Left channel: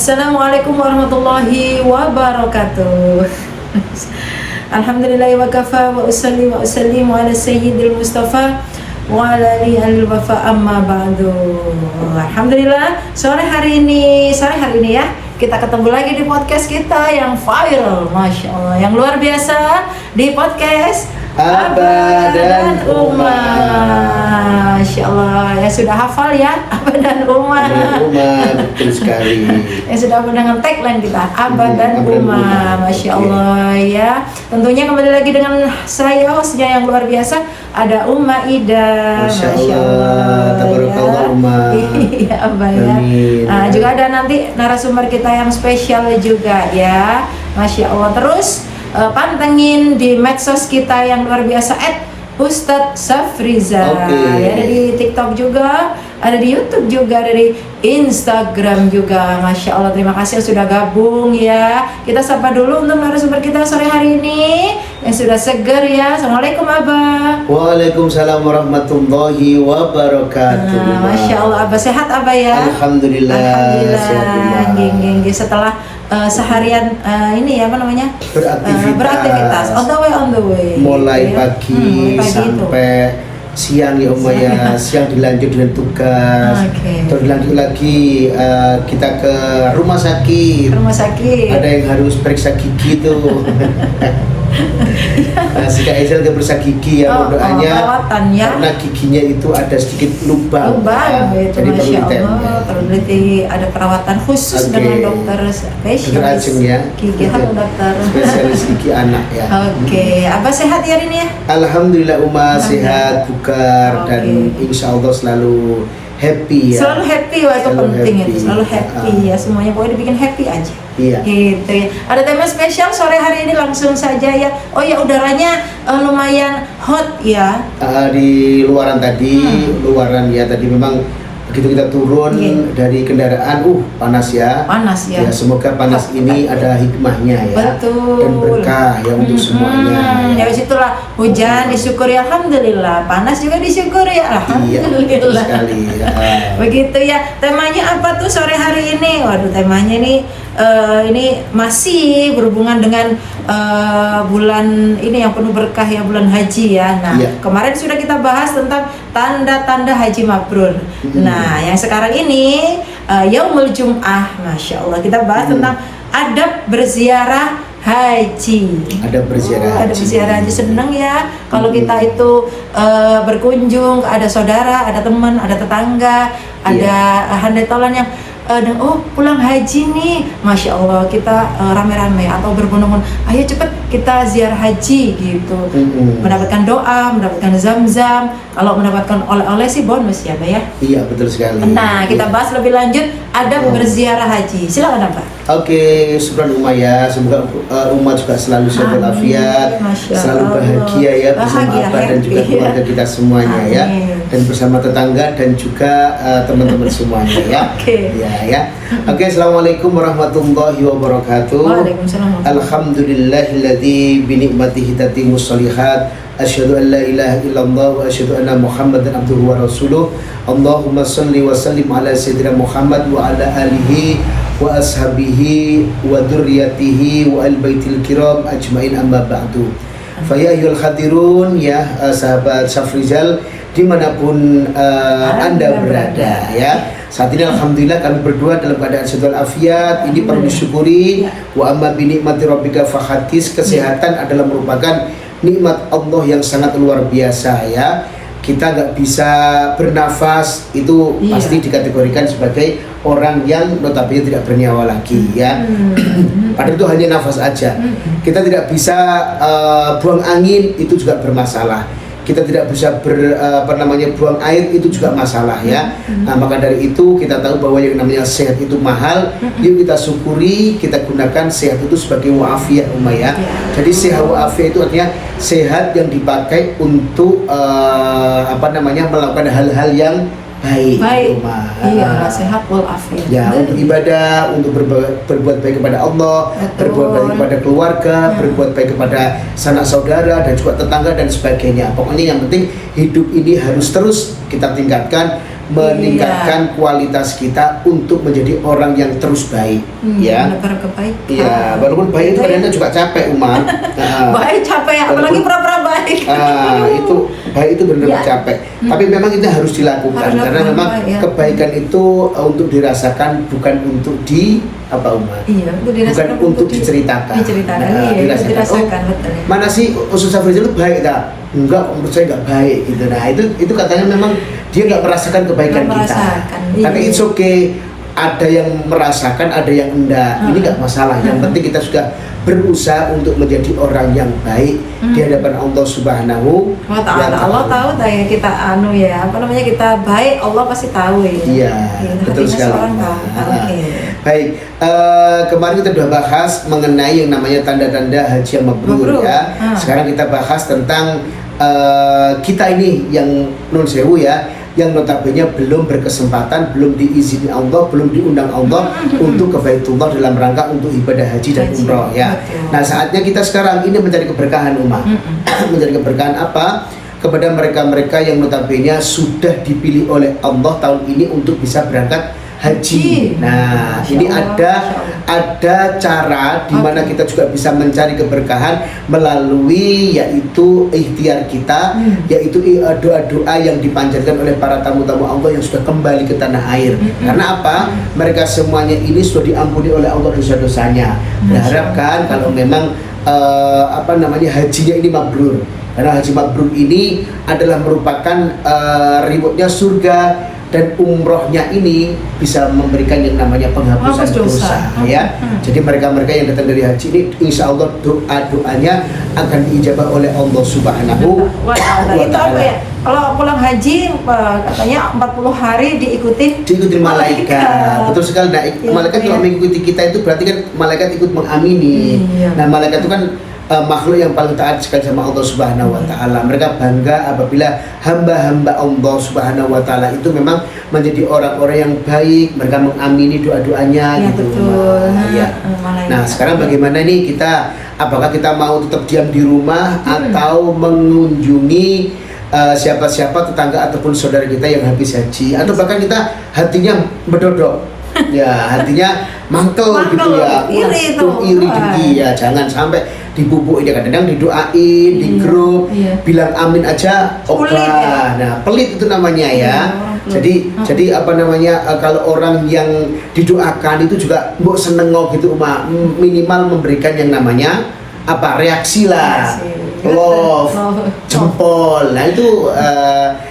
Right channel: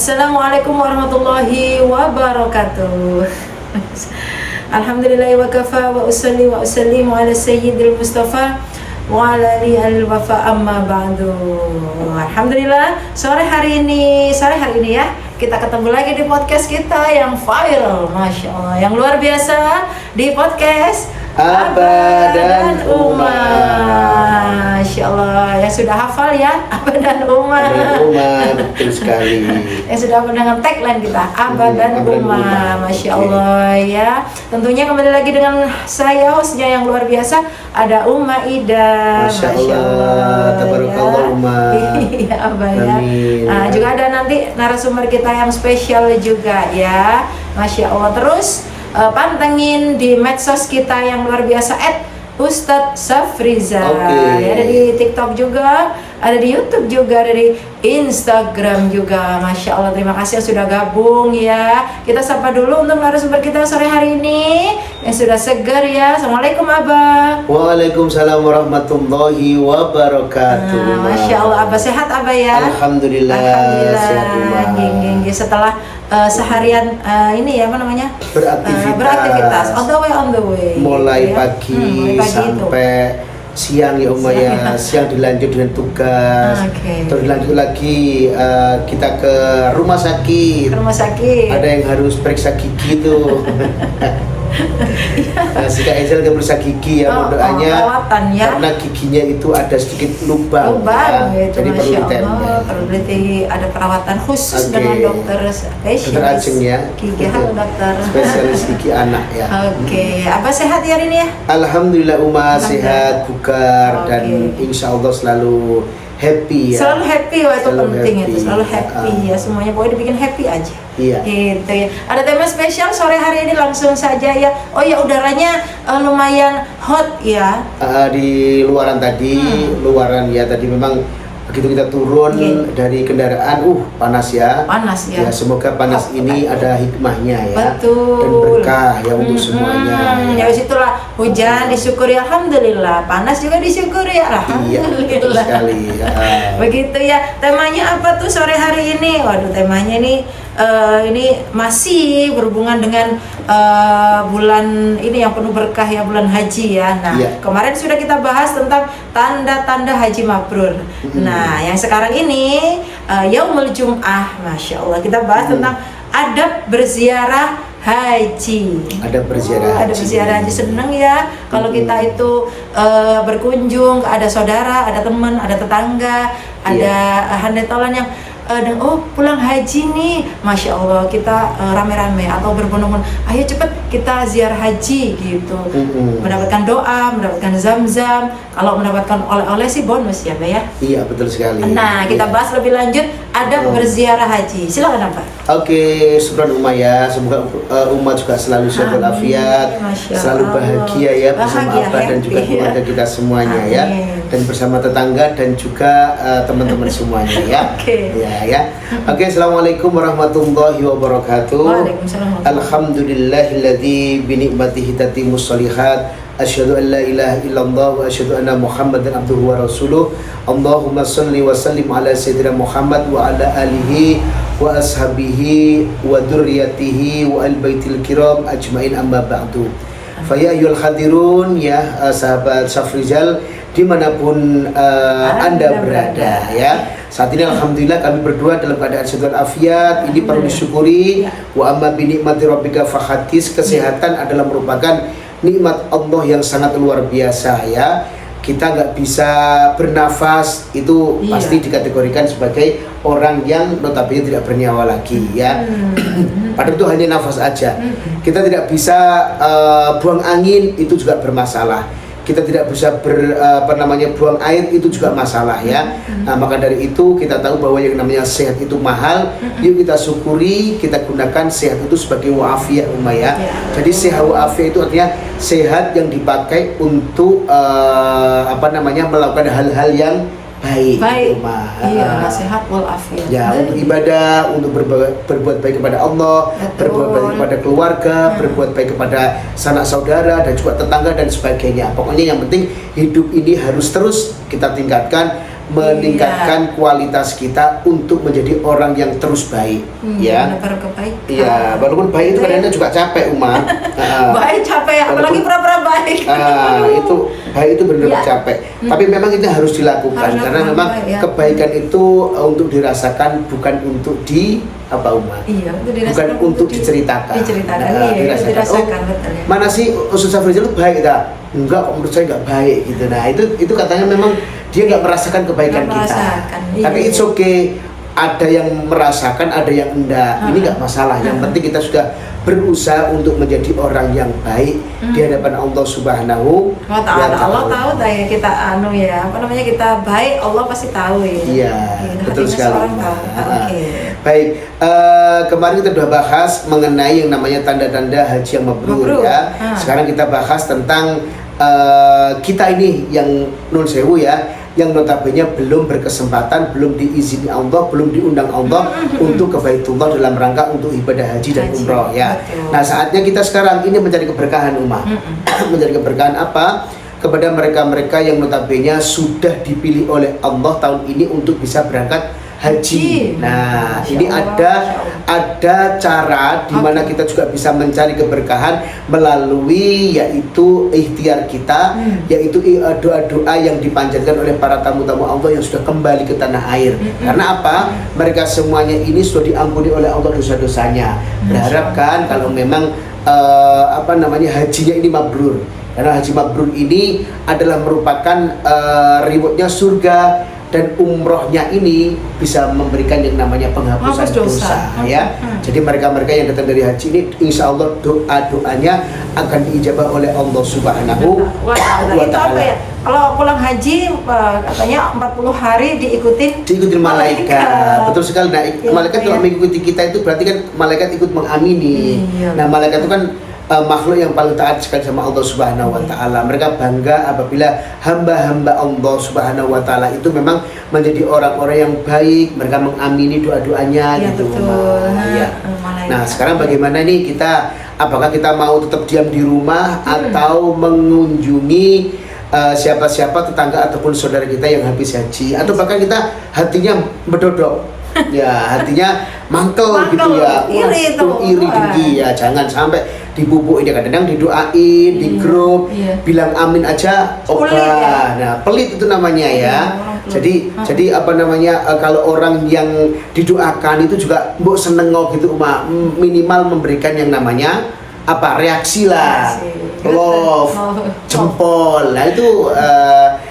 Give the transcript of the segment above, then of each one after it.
Assalamualaikum warahmatullahi wabarakatuh. Alhamdulillahi wa kafa wa usalli wa usallimu ala sayyidil mustafa wa ala alihi al-wafa amma ba'du. Alhamdulillah, sore hari ini ya kita ketemu lagi di podcast kita yang viral, Masya Allah, yang luar biasa, di podcast Abah dan Uma. Masya Allah, yang sudah hafal ya, Abah dan Uma. Betul sekali. Yang sudah mendengar tagline kita, Abah dan Uma. Masya Allah ya. Tentunya kembali lagi dengan saya, hostnya yang luar biasa, ada Uma Ida. Masya Allah ya. Iya Abah ya. Nah, juga ada nanti narasumber kita yang spesial juga ya. Masya Allah. Terus pantengin di medsos kita yang luar biasa Ustadz Safrizal. Ya, ada di TikTok juga, ada di YouTube juga, ada di Instagram juga. Masya Allah, terima kasih yang sudah gabung ya. Kita sapa dulu untuk narasumber kita sore hari ini yang sudah seger ya. Assalamualaikum Abah. Waalaikumsalam warahmatullahi wabarakatuh. Masya Allah, Abah sehat Abah ya. Alhamdulillah. Geng. Setelah seharian ini ya apa namanya, beraktivitas on the way mulai ya. pagi sampai siang ya Uma ya. Siang dilanjut dengan tugas, terus dilanjut lagi kita ke rumah sakit. Ada yang harus periksa gigi tuh. Si Kak Ezel dia periksa gigi ya, doanya karena giginya itu ada sedikit lubang itu. jadi Masya Allah, perlu ada perawatan khusus dengan dokter spesialis gigi. Halo dokter, spesialis gigi anak ya. Apa sehat hari ini ya? Alhamdulillah Uma sehat, bugar dan insya Allah selalu happy ya. Selalu happy, wah itu penting happy. Itu selalu happy ya, semuanya pokoknya dibikin happy aja. Gitu ya. Ada tema spesial sore hari ini, langsung saja ya. Oh ya, udaranya lumayan hot ya. Di luaran tadi, tadi memang begitu kita turun dari kendaraan, panas ya. Ya, semoga panas ini ada hikmahnya ya. Betul. Dan berkah yang untuk semuanya. Ya situlah, hujan disyukuri alhamdulillah, panas juga disyukuri alhamdulillah. Begitu ya. Temanya apa tuh sore hari ini? Waduh, temanya ini masih berhubungan dengan bulan ini yang penuh berkah ya, bulan haji ya. Nah, kemarin sudah kita bahas tentang tanda-tanda haji mabrur. Nah, yang sekarang ini Yaumul Jum'ah, Masya Allah, kita bahas tentang adab berziarah haji. Ada berziarah haji. Seneng ya kalau kita itu berkunjung, ada saudara, ada teman, ada tetangga, ada handai tolan yang pulang haji nih, Masya Allah, kita rame-rame atau berbondong-bondong, ayo cepet kita ziarah haji gitu. Mendapatkan doa, mendapatkan zam-zam. Kalau mendapatkan oleh-oleh sih bonus ya Mbak ya. Iya betul sekali. Nah, kita bahas lebih lanjut adab berziarah haji. Silakan Pak. Syukran Uma ya. Semoga Uma juga selalu sehat walafiat, selalu bahagia ya, bersama Abah dan juga keluarga kita semuanya ya, dan bersama tetangga dan juga teman-teman semuanya ya. Assalamualaikum warahmatullahi wabarakatuh. Waalaikumsalam. Alhamdulillahilladzi bi ni'matihi tatimmus shalihat. Asyhadu an la ilaha illallah wa asyhadu anna Muhammadan abduhu wa rasuluh. Allahumma shalli wa sallim ala sayyidina Muhammad wa ala alihi wa ashabihi wa dzurriyyatihi wa al baitil kiram ajmain, amma ba'du. Fa ya ayyuhal hadirun ya, sahabat Safrizal dimanapun Anda berada ya. Saat ini alhamdulillah kami berdua dalam keadaan sehat walafiat. Ini perlu disyukuri. Wa amma bi ni'mati rabbika fahaddits. Kesehatan adalah merupakan nikmat Allah yang sangat luar biasa ya. Kita nggak bisa bernafas, itu pasti dikategorikan sebagai orang yang notabene tidak bernyawa lagi ya. Padahal itu hanya nafas aja. Kita tidak bisa buang angin, itu juga bermasalah. Kita tidak bisa buang air, itu juga masalah ya. Nah, maka dari itu kita tahu bahwa yang namanya sehat itu mahal. Yuk kita syukuri, kita gunakan sehat itu sebagai wa'afiyah Uma ya. Jadi sehat wa'afiyah itu artinya sehat yang dipakai untuk melakukan hal-hal yang baik. Sehat walafiat. Ya, untuk ibadah, untuk berbuat baik kepada Allah, berbuat baik kepada keluarga, berbuat baik kepada sanak saudara dan juga tetangga dan sebagainya. Pokoknya yang penting hidup ini harus terus kita tingkatkan meningkatkan kualitas kita untuk menjadi orang yang terus baik, ya. Menebar kebaikan. Ya, walaupun baik itu kadang-kadang juga capek, Umar. Baik capek, apalagi pura-pura baik. Itu baik itu benar-benar Ya. capek. Tapi memang itu harus dilakukan Harus karena dilakukan, memang ya. kebaikan itu untuk dirasakan, bukan untuk Umar. Iya, untuk dirasakan, Bukan untuk diceritakan. Diceritakan, Nah, iya, dirasakan. dirasakan, Oh, betul. Ya. mana sih Ustaz Farizal itu baik tak? Enggak, kok menurut saya enggak baik gitu. Nah, itu katanya memang dia enggak merasakan kebaikan Nggak kita. merasakan, iya. Tapi it's okay. Ada yang merasakan, ada yang enggak. Ini enggak masalah. Yang penting kita sudah berusaha untuk menjadi orang yang baik di hadapan Allah Subhanahu Oh, ta'ala. Allah tahu ya kita kita baik, Allah pasti tahu ya. Iya, betul hatinya sekali. seorang tahu. Oke. Baik, kemarin kita sudah bahas mengenai yang namanya tanda-tanda haji yang mabrur ya. Sekarang kita bahas tentang kita ini yang nun sewu ya, yang notabene belum berkesempatan, belum diizini Allah, belum diundang Allah untuk ke Baitullah dalam rangka untuk ibadah haji dan umroh ya. Betul. Nah, saatnya kita sekarang ini mencari keberkahan umat. Mencari keberkahan apa? Kepada mereka-mereka yang notabene sudah dipilih oleh Allah tahun ini untuk bisa berangkat haji. Nah, Masya ini Allah, ada cara di mana kita juga bisa mencari keberkahan melalui yaitu ikhtiar kita, yaitu doa-doa yang dipanjatkan oleh para tamu-tamu Allah yang sudah kembali ke tanah air. Karena apa? Mereka semuanya ini sudah diampuni oleh Allah dosa-dosanya. Berharapkan kalau memang hajinya ini mabrur. Karena haji mabrur ini adalah merupakan rewardnya surga, dan umrohnya ini bisa memberikan yang namanya penghapusan dosa, ya. Jadi mereka-mereka yang datang dari haji ini, insya Allah doa-doanya akan diijabah oleh Allah Subhanahu wa Ta'ala. Itu apa ya? Kalau pulang haji katanya 40 hari diikuti malaikat. Betul sekali. Nah, malaikat kalau mengikuti kita itu berarti kan malaikat ikut mengamini. Nah, malaikat itu kan makhluk yang paling taat sekali sama Allah Subhanahu wa Ta'ala. Mereka bangga apabila hamba-hamba Allah Subhanahu wa Ta'ala itu memang menjadi orang-orang yang baik, mereka mengamini doa-doanya ya, gitu. Betul. Nah, sekarang bagaimana nih kita, apakah kita mau tetap diam di rumah atau mengunjungi siapa-siapa tetangga ataupun saudara kita yang habis haji, atau bahkan kita hatinya berdodok. Ya, hatinya mantul gitu ya. Iri tinggi ya, jangan sampai dibubuk ini, kadang-kadang didoain di grup, bilang amin aja oke. Ya. Nah, pelit itu namanya ya. Jadi kalau orang yang didoakan itu juga mbok seneng gitu, minimal memberikan yang namanya reaksi lah. Love, jempol. Nah, itu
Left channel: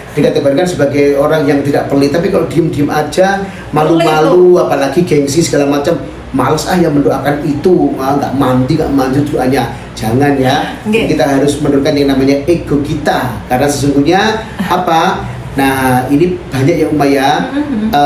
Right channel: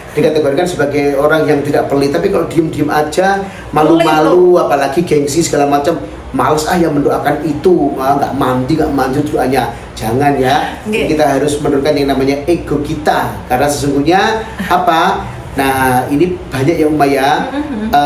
dikategorikan sebagai orang yang tidak pelit. Tapi kalau diem-diem aja, malu-malu, apalagi gengsi segala macam, males yang mendoakan itu, nggak mandi, nggak manjur doanya. Jangan ya. Kita harus menurunkan yang namanya ego kita, karena sesungguhnya Nah, ini banyak yang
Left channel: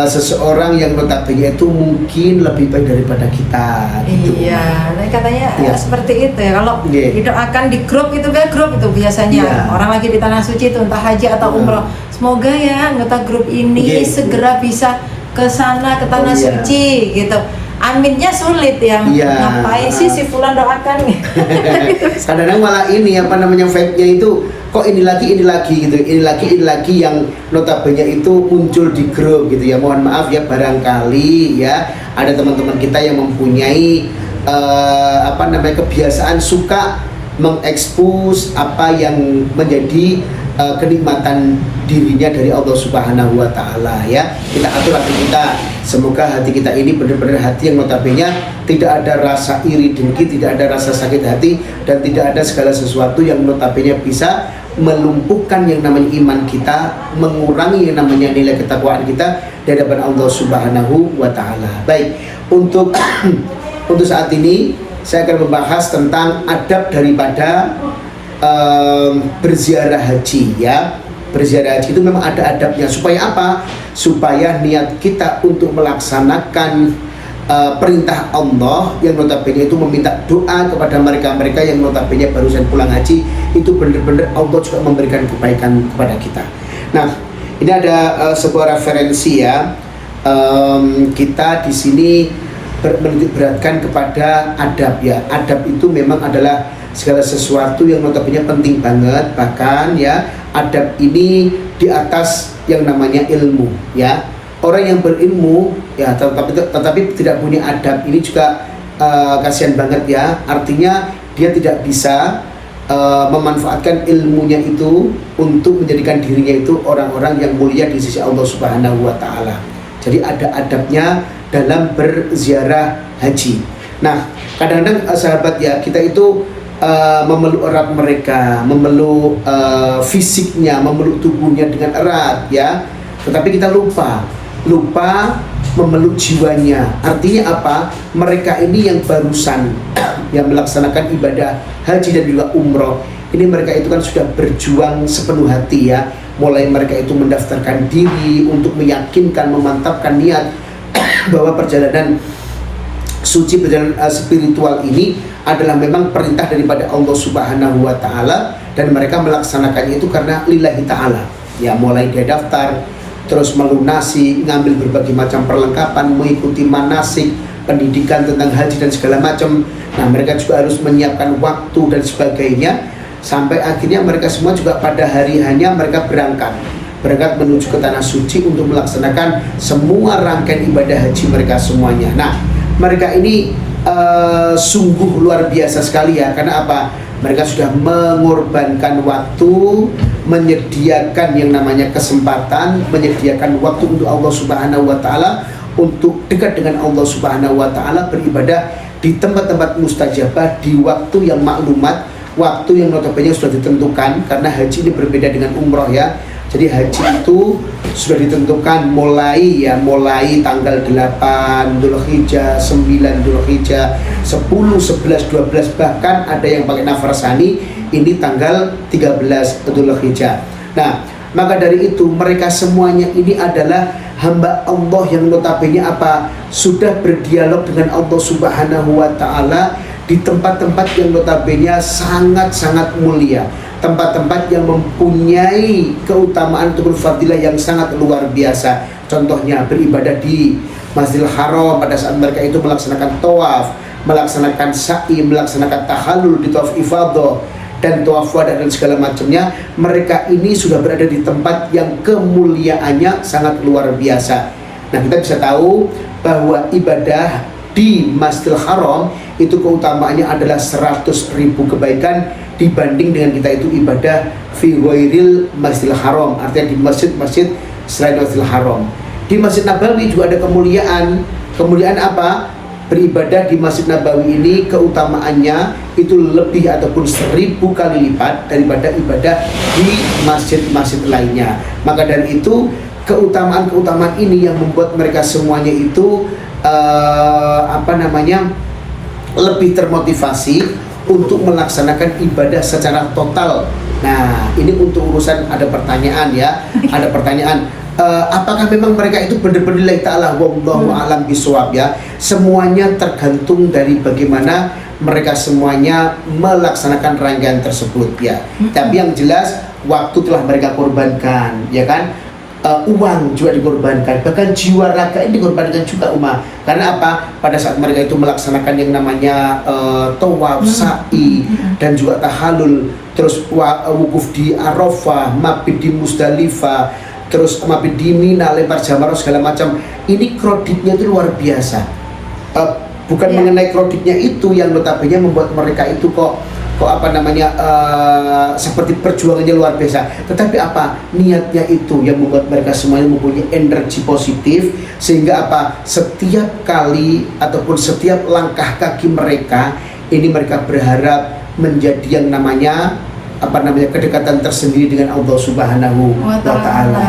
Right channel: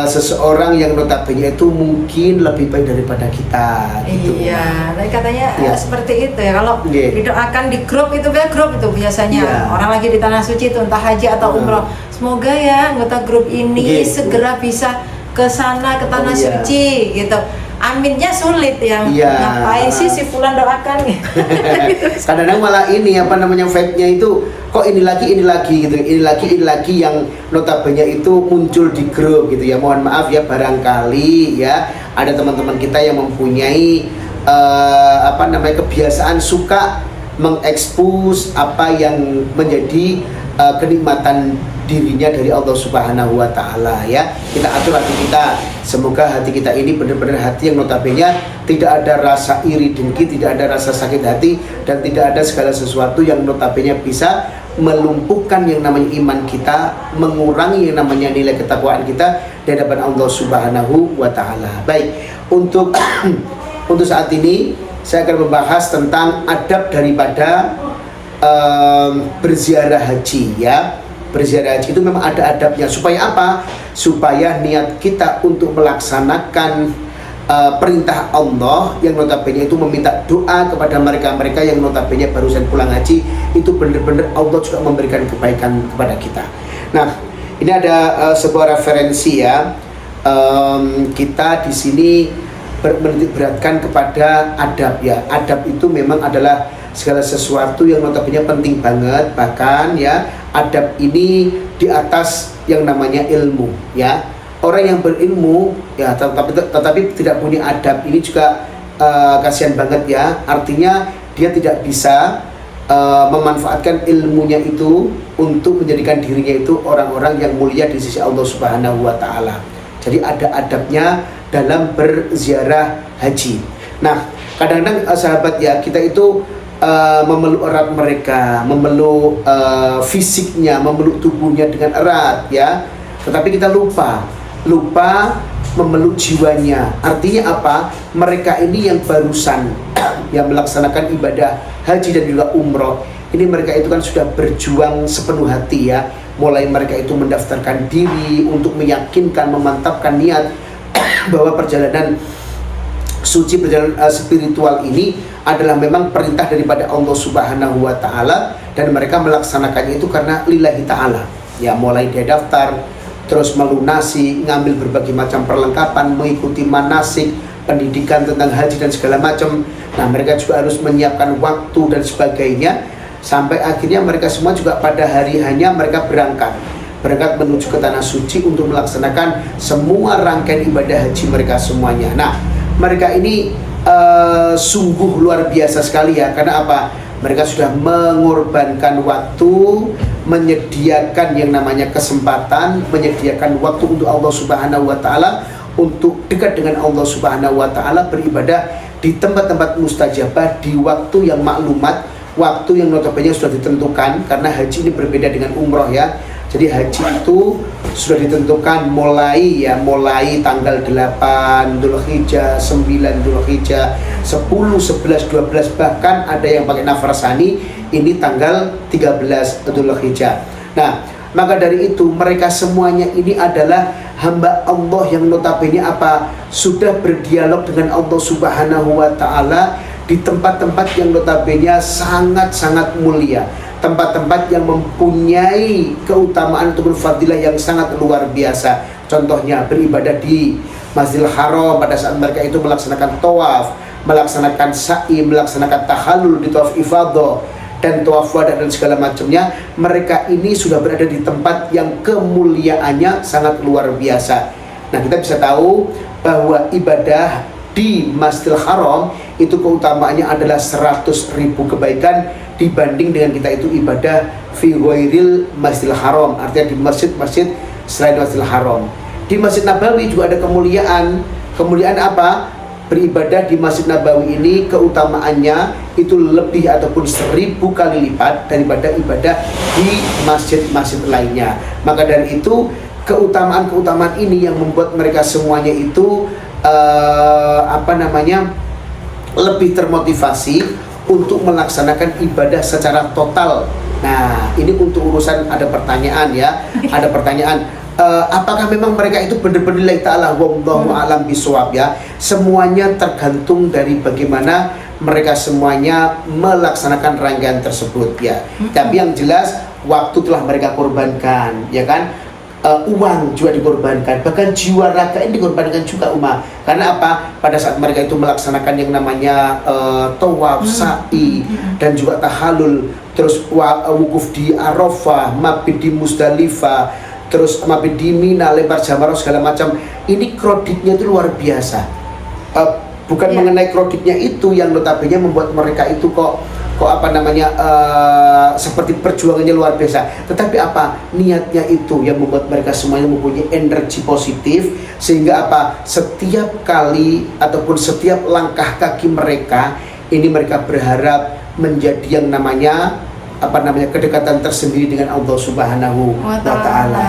seseorang yang notabene itu mungkin lebih baik daripada kita. Gitu. Iya, nah, katanya seperti itu ya. Kalau didoakan di grup itu biasanya orang lagi di tanah suci itu entah haji atau umroh. Semoga ya anggota grup ini segera bisa ke sana, ke tanah suci gitu. Aminnya sulit ya. Ngapain sih si fulan doakan? Kadang-kadang malah fake-nya itu kok ini lagi gitu, ini lagi yang notabene itu muncul di grup gitu ya. Mohon maaf ya, barangkali ya ada teman-teman kita yang mempunyai kebiasaan suka mengekspos apa yang menjadi kenikmatan dirinya dari Allah Subhanahu wa Ta'ala ya. Kita atur hati kita, semoga hati kita ini benar-benar hati yang notabene tidak ada rasa iri dengki, tidak ada rasa sakit hati, dan tidak ada segala sesuatu yang notabene bisa melumpuhkan yang namanya iman kita, mengurangi yang namanya nilai ketakwaan kita di hadapan Allah Subhanahu wa Ta'ala. Baik, untuk saat ini saya akan membahas tentang adab daripada berziarah haji ya. Berziarah haji itu memang ada adabnya. Supaya apa? Supaya niat kita untuk melaksanakan perintah Allah yang notabene itu meminta doa kepada mereka-mereka yang notabene barusan pulang haji, itu benar-benar Allah juga memberikan kebaikan kepada kita. Nah, ini ada sebuah referensi ya. Kita di sini menitikberatkan kepada adab ya. Adab itu memang adalah segala sesuatu yang notabene penting banget, bahkan ya adab ini di atas yang namanya ilmu, ya. Orang yang berilmu, ya, tetapi tidak punya adab, ini juga kasihan banget ya. Artinya dia tidak bisa memanfaatkan ilmunya itu untuk menjadikan dirinya itu orang-orang yang mulia di sisi Allah Subhanahu wa Ta'ala. Jadi ada adabnya dalam berziarah haji. Nah, kadang-kadang sahabat ya, kita itu memeluk erat mereka, memeluk fisiknya, memeluk tubuhnya dengan erat ya. Tetapi kita lupa memeluk jiwanya. Artinya apa? Mereka ini yang barusan yang melaksanakan ibadah haji dan juga umroh, ini mereka itu kan sudah berjuang sepenuh hati ya. Mulai mereka itu mendaftarkan diri untuk meyakinkan, memantapkan niat bahwa perjalanan suci, perjalanan spiritual ini adalah memang perintah daripada Allah Subhanahu wa Ta'ala, dan mereka melaksanakannya itu karena lillahi ta'ala ya. Mulai dia daftar, terus melunasi, ngambil berbagai macam perlengkapan, mengikuti manasik, pendidikan tentang haji dan segala macam. Nah, mereka juga harus menyiapkan waktu dan sebagainya, sampai akhirnya mereka semua juga pada hari hanya mereka berangkat menuju ke tanah suci untuk melaksanakan semua rangkaian ibadah haji mereka semuanya. Nah, mereka ini sungguh luar biasa sekali ya. Karena apa? Mereka sudah mengorbankan waktu, menyediakan yang namanya kesempatan, menyediakan waktu untuk Allah Subhanahu wa Ta'ala, untuk dekat dengan Allah Subhanahu wa Ta'ala, beribadah di tempat-tempat mustajabah, di waktu yang maklumat, waktu yang notabene sudah ditentukan. Karena haji ini berbeda dengan umroh ya. Jadi haji itu sudah ditentukan mulai tanggal 8 Dzulhijjah, 9 Dzulhijjah, 10, 11, 12, bahkan ada yang pakai nafasani ini tanggal 13 Dzulhijjah. Nah, maka dari itu mereka semuanya ini adalah hamba Allah yang notabene apa? Sudah berdialog dengan Allah Subhanahu wa Ta'ala di tempat-tempat yang notabene sangat-sangat mulia, tempat-tempat yang mempunyai keutamaan atau fadilah yang sangat luar biasa. Contohnya beribadah di Masjidil Haram pada saat mereka itu melaksanakan tawaf, melaksanakan sa'i, melaksanakan tahallul di tawaf ifadah dan tawaf wada dan segala macamnya. Mereka ini sudah berada di tempat yang kemuliaannya sangat luar biasa. Nah, kita bisa tahu bahwa ibadah di Masjidil Haram itu keutamaannya adalah 100.000 kebaikan dibanding dengan kita itu ibadah fi ghairil Masjidil Haram, artinya di masjid-masjid selain Masjidil Haram. Di Masjid Nabawi juga ada kemuliaan apa? Beribadah di Masjid Nabawi ini keutamaannya itu lebih ataupun 1000 kali lipat daripada ibadah di masjid-masjid lainnya. Maka dari itu keutamaan-keutamaan ini yang membuat mereka semuanya itu lebih termotivasi untuk melaksanakan ibadah secara total. Nah, ini untuk urusan ada pertanyaan ya, ada pertanyaan. Apakah memang mereka itu benar-benar lillahi ta'ala, wallahu a'lam bishawab ya. Semuanya tergantung dari bagaimana mereka semuanya melaksanakan rangkaian tersebut ya. Tapi yang jelas waktu telah mereka korbankan ya kan. Uang juga dikorbankan, bahkan jiwa raga ini dikorbankan juga Karena apa? Pada saat mereka itu melaksanakan yang namanya tawaf, sa'i dan juga tahallul, terus wukuf di Arafah, mabit di Musdalifah, terus mabit di Mina, lempar jamarah segala macam. Ini kreditnya itu luar biasa. Bukan mengenai kreditnya itu yang notabene membuat mereka itu kok seperti perjuangannya luar biasa, tetapi apa niatnya itu yang membuat mereka semuanya mempunyai energi positif, sehingga apa setiap kali ataupun setiap langkah kaki mereka ini mereka berharap menjadi yang namanya kedekatan tersendiri dengan Allah Subhanahu wa Ta'ala.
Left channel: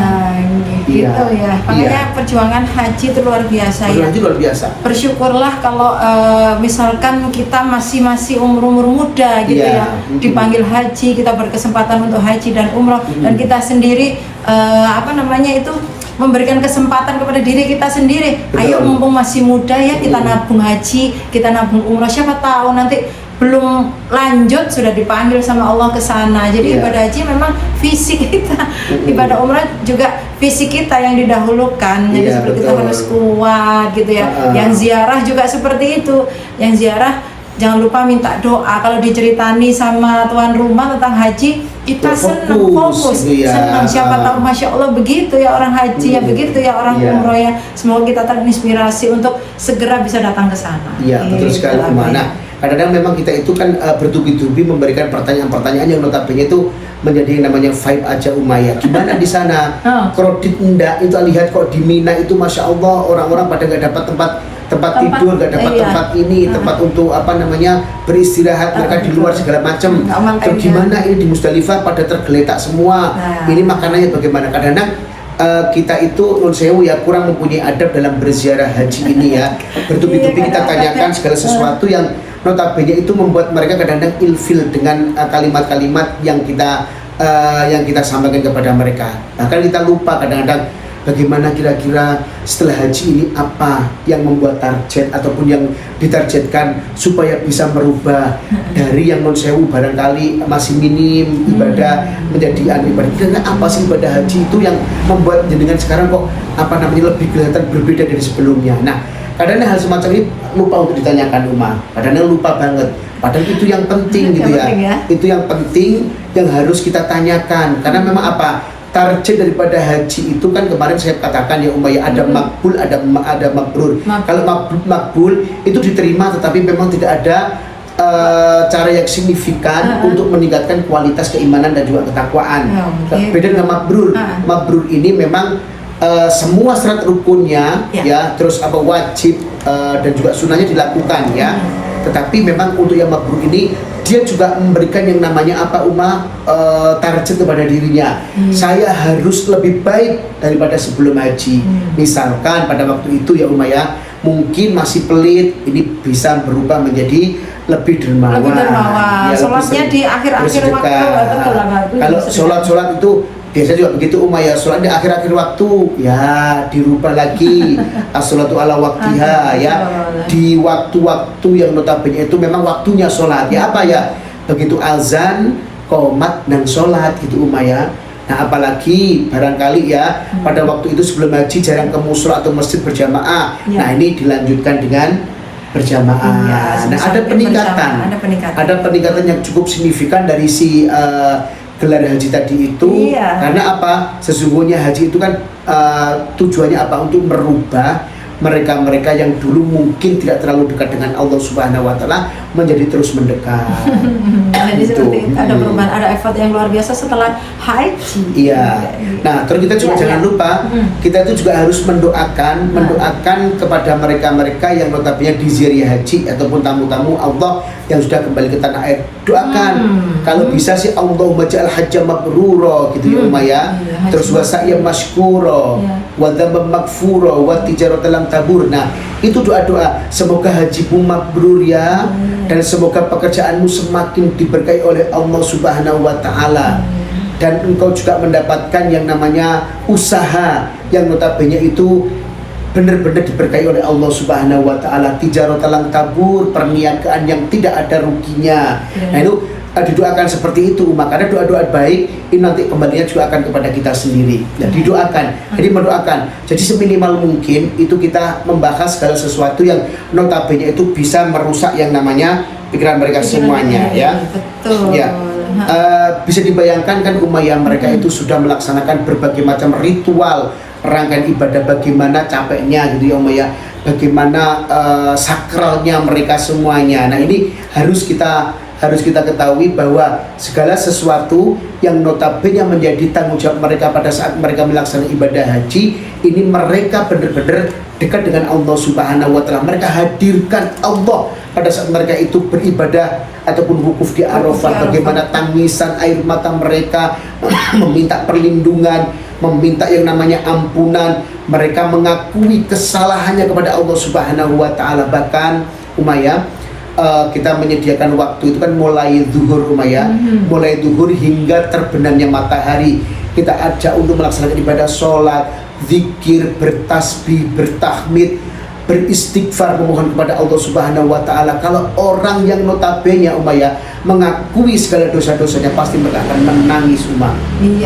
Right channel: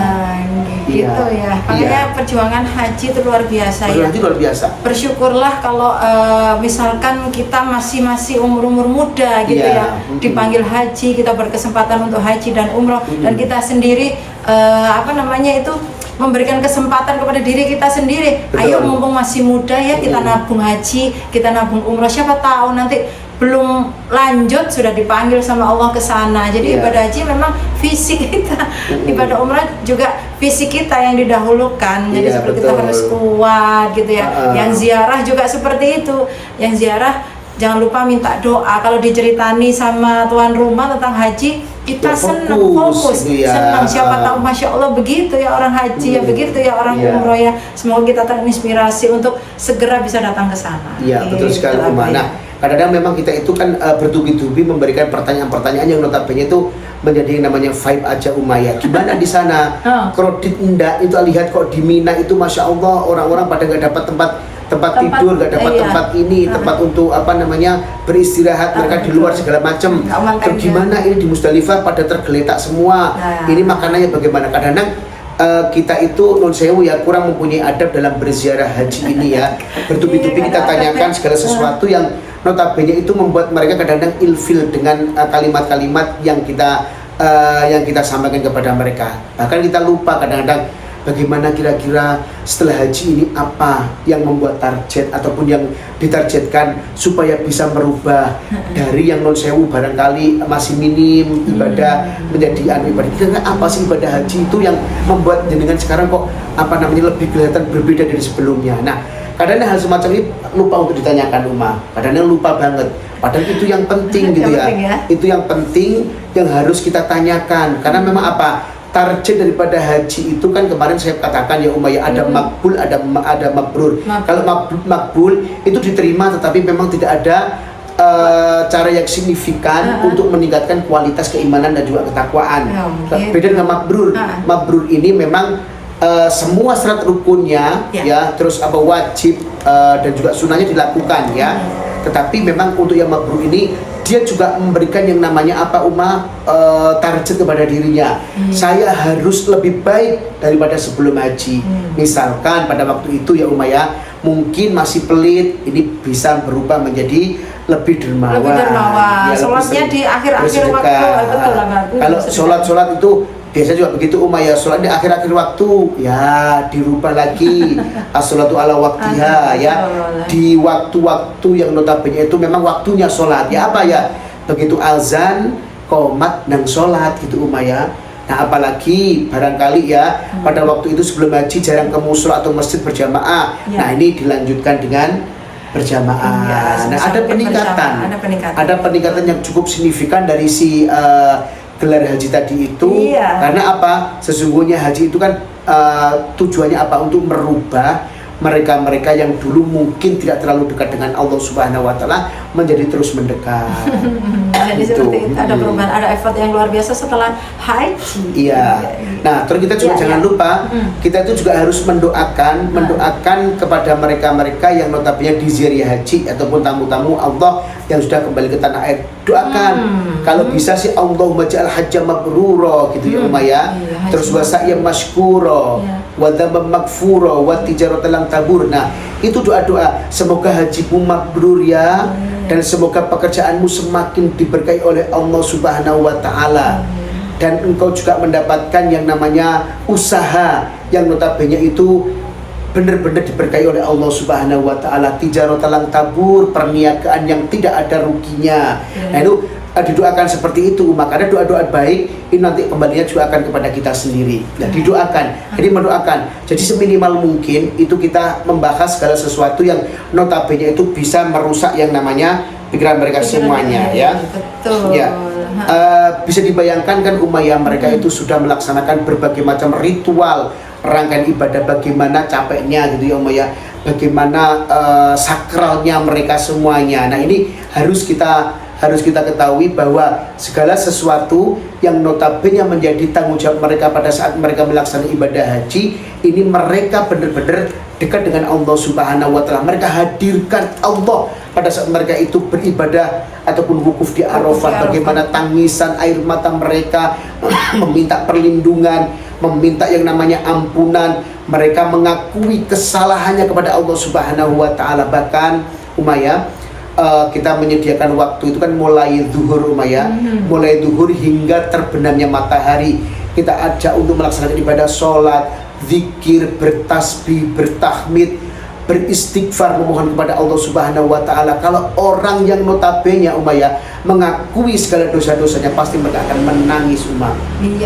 Gitu ya. Makanya perjuangan haji itu luar biasa ya. Luar biasa. Bersyukurlah kalau misalkan kita masih umur muda gitu ya, dipanggil haji, kita berkesempatan untuk haji dan umroh, dan kita sendiri memberikan kesempatan kepada diri kita sendiri. Betul. Ayo mumpung masih muda ya, kita nabung haji, kita nabung umroh, siapa tahu nanti belum lanjut sudah dipanggil sama Allah ke sana. Jadi ibadah haji memang fisik kita, ibadah umrah juga fisik kita yang didahulukan. Jadi seperti kita harus kuat gitu ya. Yang ziarah juga seperti itu. Yang ziarah jangan lupa minta doa. Kalau diceritani sama tuan rumah tentang haji, kita senang, fokus, senang. Siapa tahu, masya Allah begitu ya orang haji ya, begitu ya orang umroh ya. Semoga kita terinspirasi untuk segera bisa datang ke sana. Iya, betul sekali. Nah, kadang-kadang memang kita itu kan bertubi-tubi memberikan pertanyaan-pertanyaan yang notabene itu menjadi yang namanya vibe aja Umayyah. Gimana di sana? Kalau di Indah itu lihat kok di Mina itu masya Allah orang-orang pada nggak dapat tempat tidur, nggak dapat tempat ini, tempat untuk apa namanya beristirahat, mereka di luar segala macam. Terus gimana ini di Musdalifah pada tergeletak semua. Ini makanannya bagaimana? Kadang-kadang kita itu non sewu ya kurang mempunyai adab dalam berziarah haji ini ya. Bertubi-tubi kita tanyakan segala sesuatu yang notabene itu membuat mereka kadang-kadang ilfil dengan kalimat-kalimat yang kita sampaikan kepada mereka. Bahkan kita lupa kadang-kadang bagaimana kira-kira setelah haji ini apa yang membuat target ataupun yang ditargetkan supaya bisa merubah dari yang non sewu barangkali masih minim ibadah menjadi ibadah. Kira-kira apa sih ibadah haji itu yang membuat jenengan sekarang kok apa namanya lebih kelihatan berbeda dari sebelumnya. Nah, kadang-kadang hal semacam ini lupa untuk ditanyakan umat. Kadang-kadang lupa banget. Padahal itu yang penting gitu ya. Itu yang penting yang harus kita tanyakan. Karena memang apa? Target daripada haji itu kan kemarin saya katakan ya Umayyah, ada makbul, ada mabrur. Kalau makbul itu diterima tetapi memang tidak ada cara yang signifikan untuk meningkatkan kualitas keimanan dan juga ketakwaan. Beda dengan mabrur. Mabrur ini memang semua syarat rukunnya ya, terus apa wajib dan juga sunnahnya dilakukan ya. Tetapi memang untuk yang mabrur ini dia juga memberikan yang namanya apa target kepada dirinya. Saya harus lebih baik daripada sebelum haji. Misalkan pada waktu itu ya Umayyah mungkin masih pelit, ini bisa berubah menjadi lebih dermawan. Lebih dermawan. Ya, sholatnya di akhir-akhir waktu. Betul lah. Kalau sholat itu biasanya juga begitu Umayyah, sholat di akhir-akhir waktu ya dirubah lagi as-sholatu ala waktiha ya, di waktu-waktu yang notabene itu memang waktunya sholat ya, apa ya begitu azan qomat dan sholat gitu Umayyah. Nah apalagi barangkali ya pada waktu itu sebelum haji jarang ke mushola atau masjid berjamaah. Nah ini dilanjutkan dengan berjamaah. Nah ada peningkatan yang cukup signifikan dari si gelar haji tadi itu. Karena apa? Sesungguhnya haji itu kan tujuannya apa? Untuk merubah mereka-mereka yang dulu mungkin tidak terlalu dekat dengan Allah Subhanahu wa Ta'ala menjadi terus mendekat. Jadi seperti itu, ada perubahan, ada effort yang luar biasa setelah haji. Iya. Nah, terus kita juga jangan lupa, kita itu juga harus mendoakan kepada mereka-mereka yang notabene di ziarah haji ataupun tamu-tamu Allah yang sudah kembali ke tanah air. Doakan kalau bisa sih Allahumma ja'al hajja mabrura gitu ya Umayyah. Terus wa sa'yan mashkura wa dzamban maghfura wa tijaratan lam tabur. Nah, itu doa-doa semoga hajimu mabrur ya, dan semoga pekerjaanmu semakin diberkahi oleh Allah Subhanahu wa Ta'ala, dan engkau juga mendapatkan yang namanya usaha yang notabene itu benar-benar diberkahi oleh Allah Subhanahu wa Ta'ala, tijaratan lam tabur, perniagaan yang tidak ada ruginya. Nah itu didoakan seperti itu umat, karena doa-doa baik ini nanti kembalinya juga akan kepada kita sendiri. Nah, didoakan, jadi mendoakan. Jadi seminimal mungkin itu kita membahas segala sesuatu yang notabene itu bisa merusak yang namanya pikiran mereka semuanya ya. Betul. Ya. Bisa dibayangkan kan Umayyah mereka itu sudah melaksanakan berbagai macam ritual rangkaian ibadah, bagaimana capeknya gitu ya Umayyah, bagaimana sakralnya mereka semuanya. Nah ini harus kita ketahui bahwa segala sesuatu yang notabene menjadi tanggung jawab mereka pada saat mereka melaksanakan ibadah haji ini, mereka benar-benar dekat dengan Allah Subhanahu wa Ta'ala. Mereka hadirkan Allah pada saat mereka itu beribadah ataupun wukuf di Arafah. Bagaimana tangisan air mata mereka meminta perlindungan, meminta yang namanya ampunan. Mereka mengakui kesalahannya kepada Allah Subhanahu wa Ta'ala. Bahkan Umayyah, kita menyediakan waktu itu kan mulai zuhur Umayyah, mulai zuhur hingga terbenamnya matahari. Kita ajak untuk melaksanakan ibadah sholat, zikir, bertasbih, bertahmid, beristighfar, memohon kepada Allah Subhanahu wa Ta'ala. Kalau orang yang notabene Umayyah mengakui segala dosa-dosanya, pasti mereka akan menangis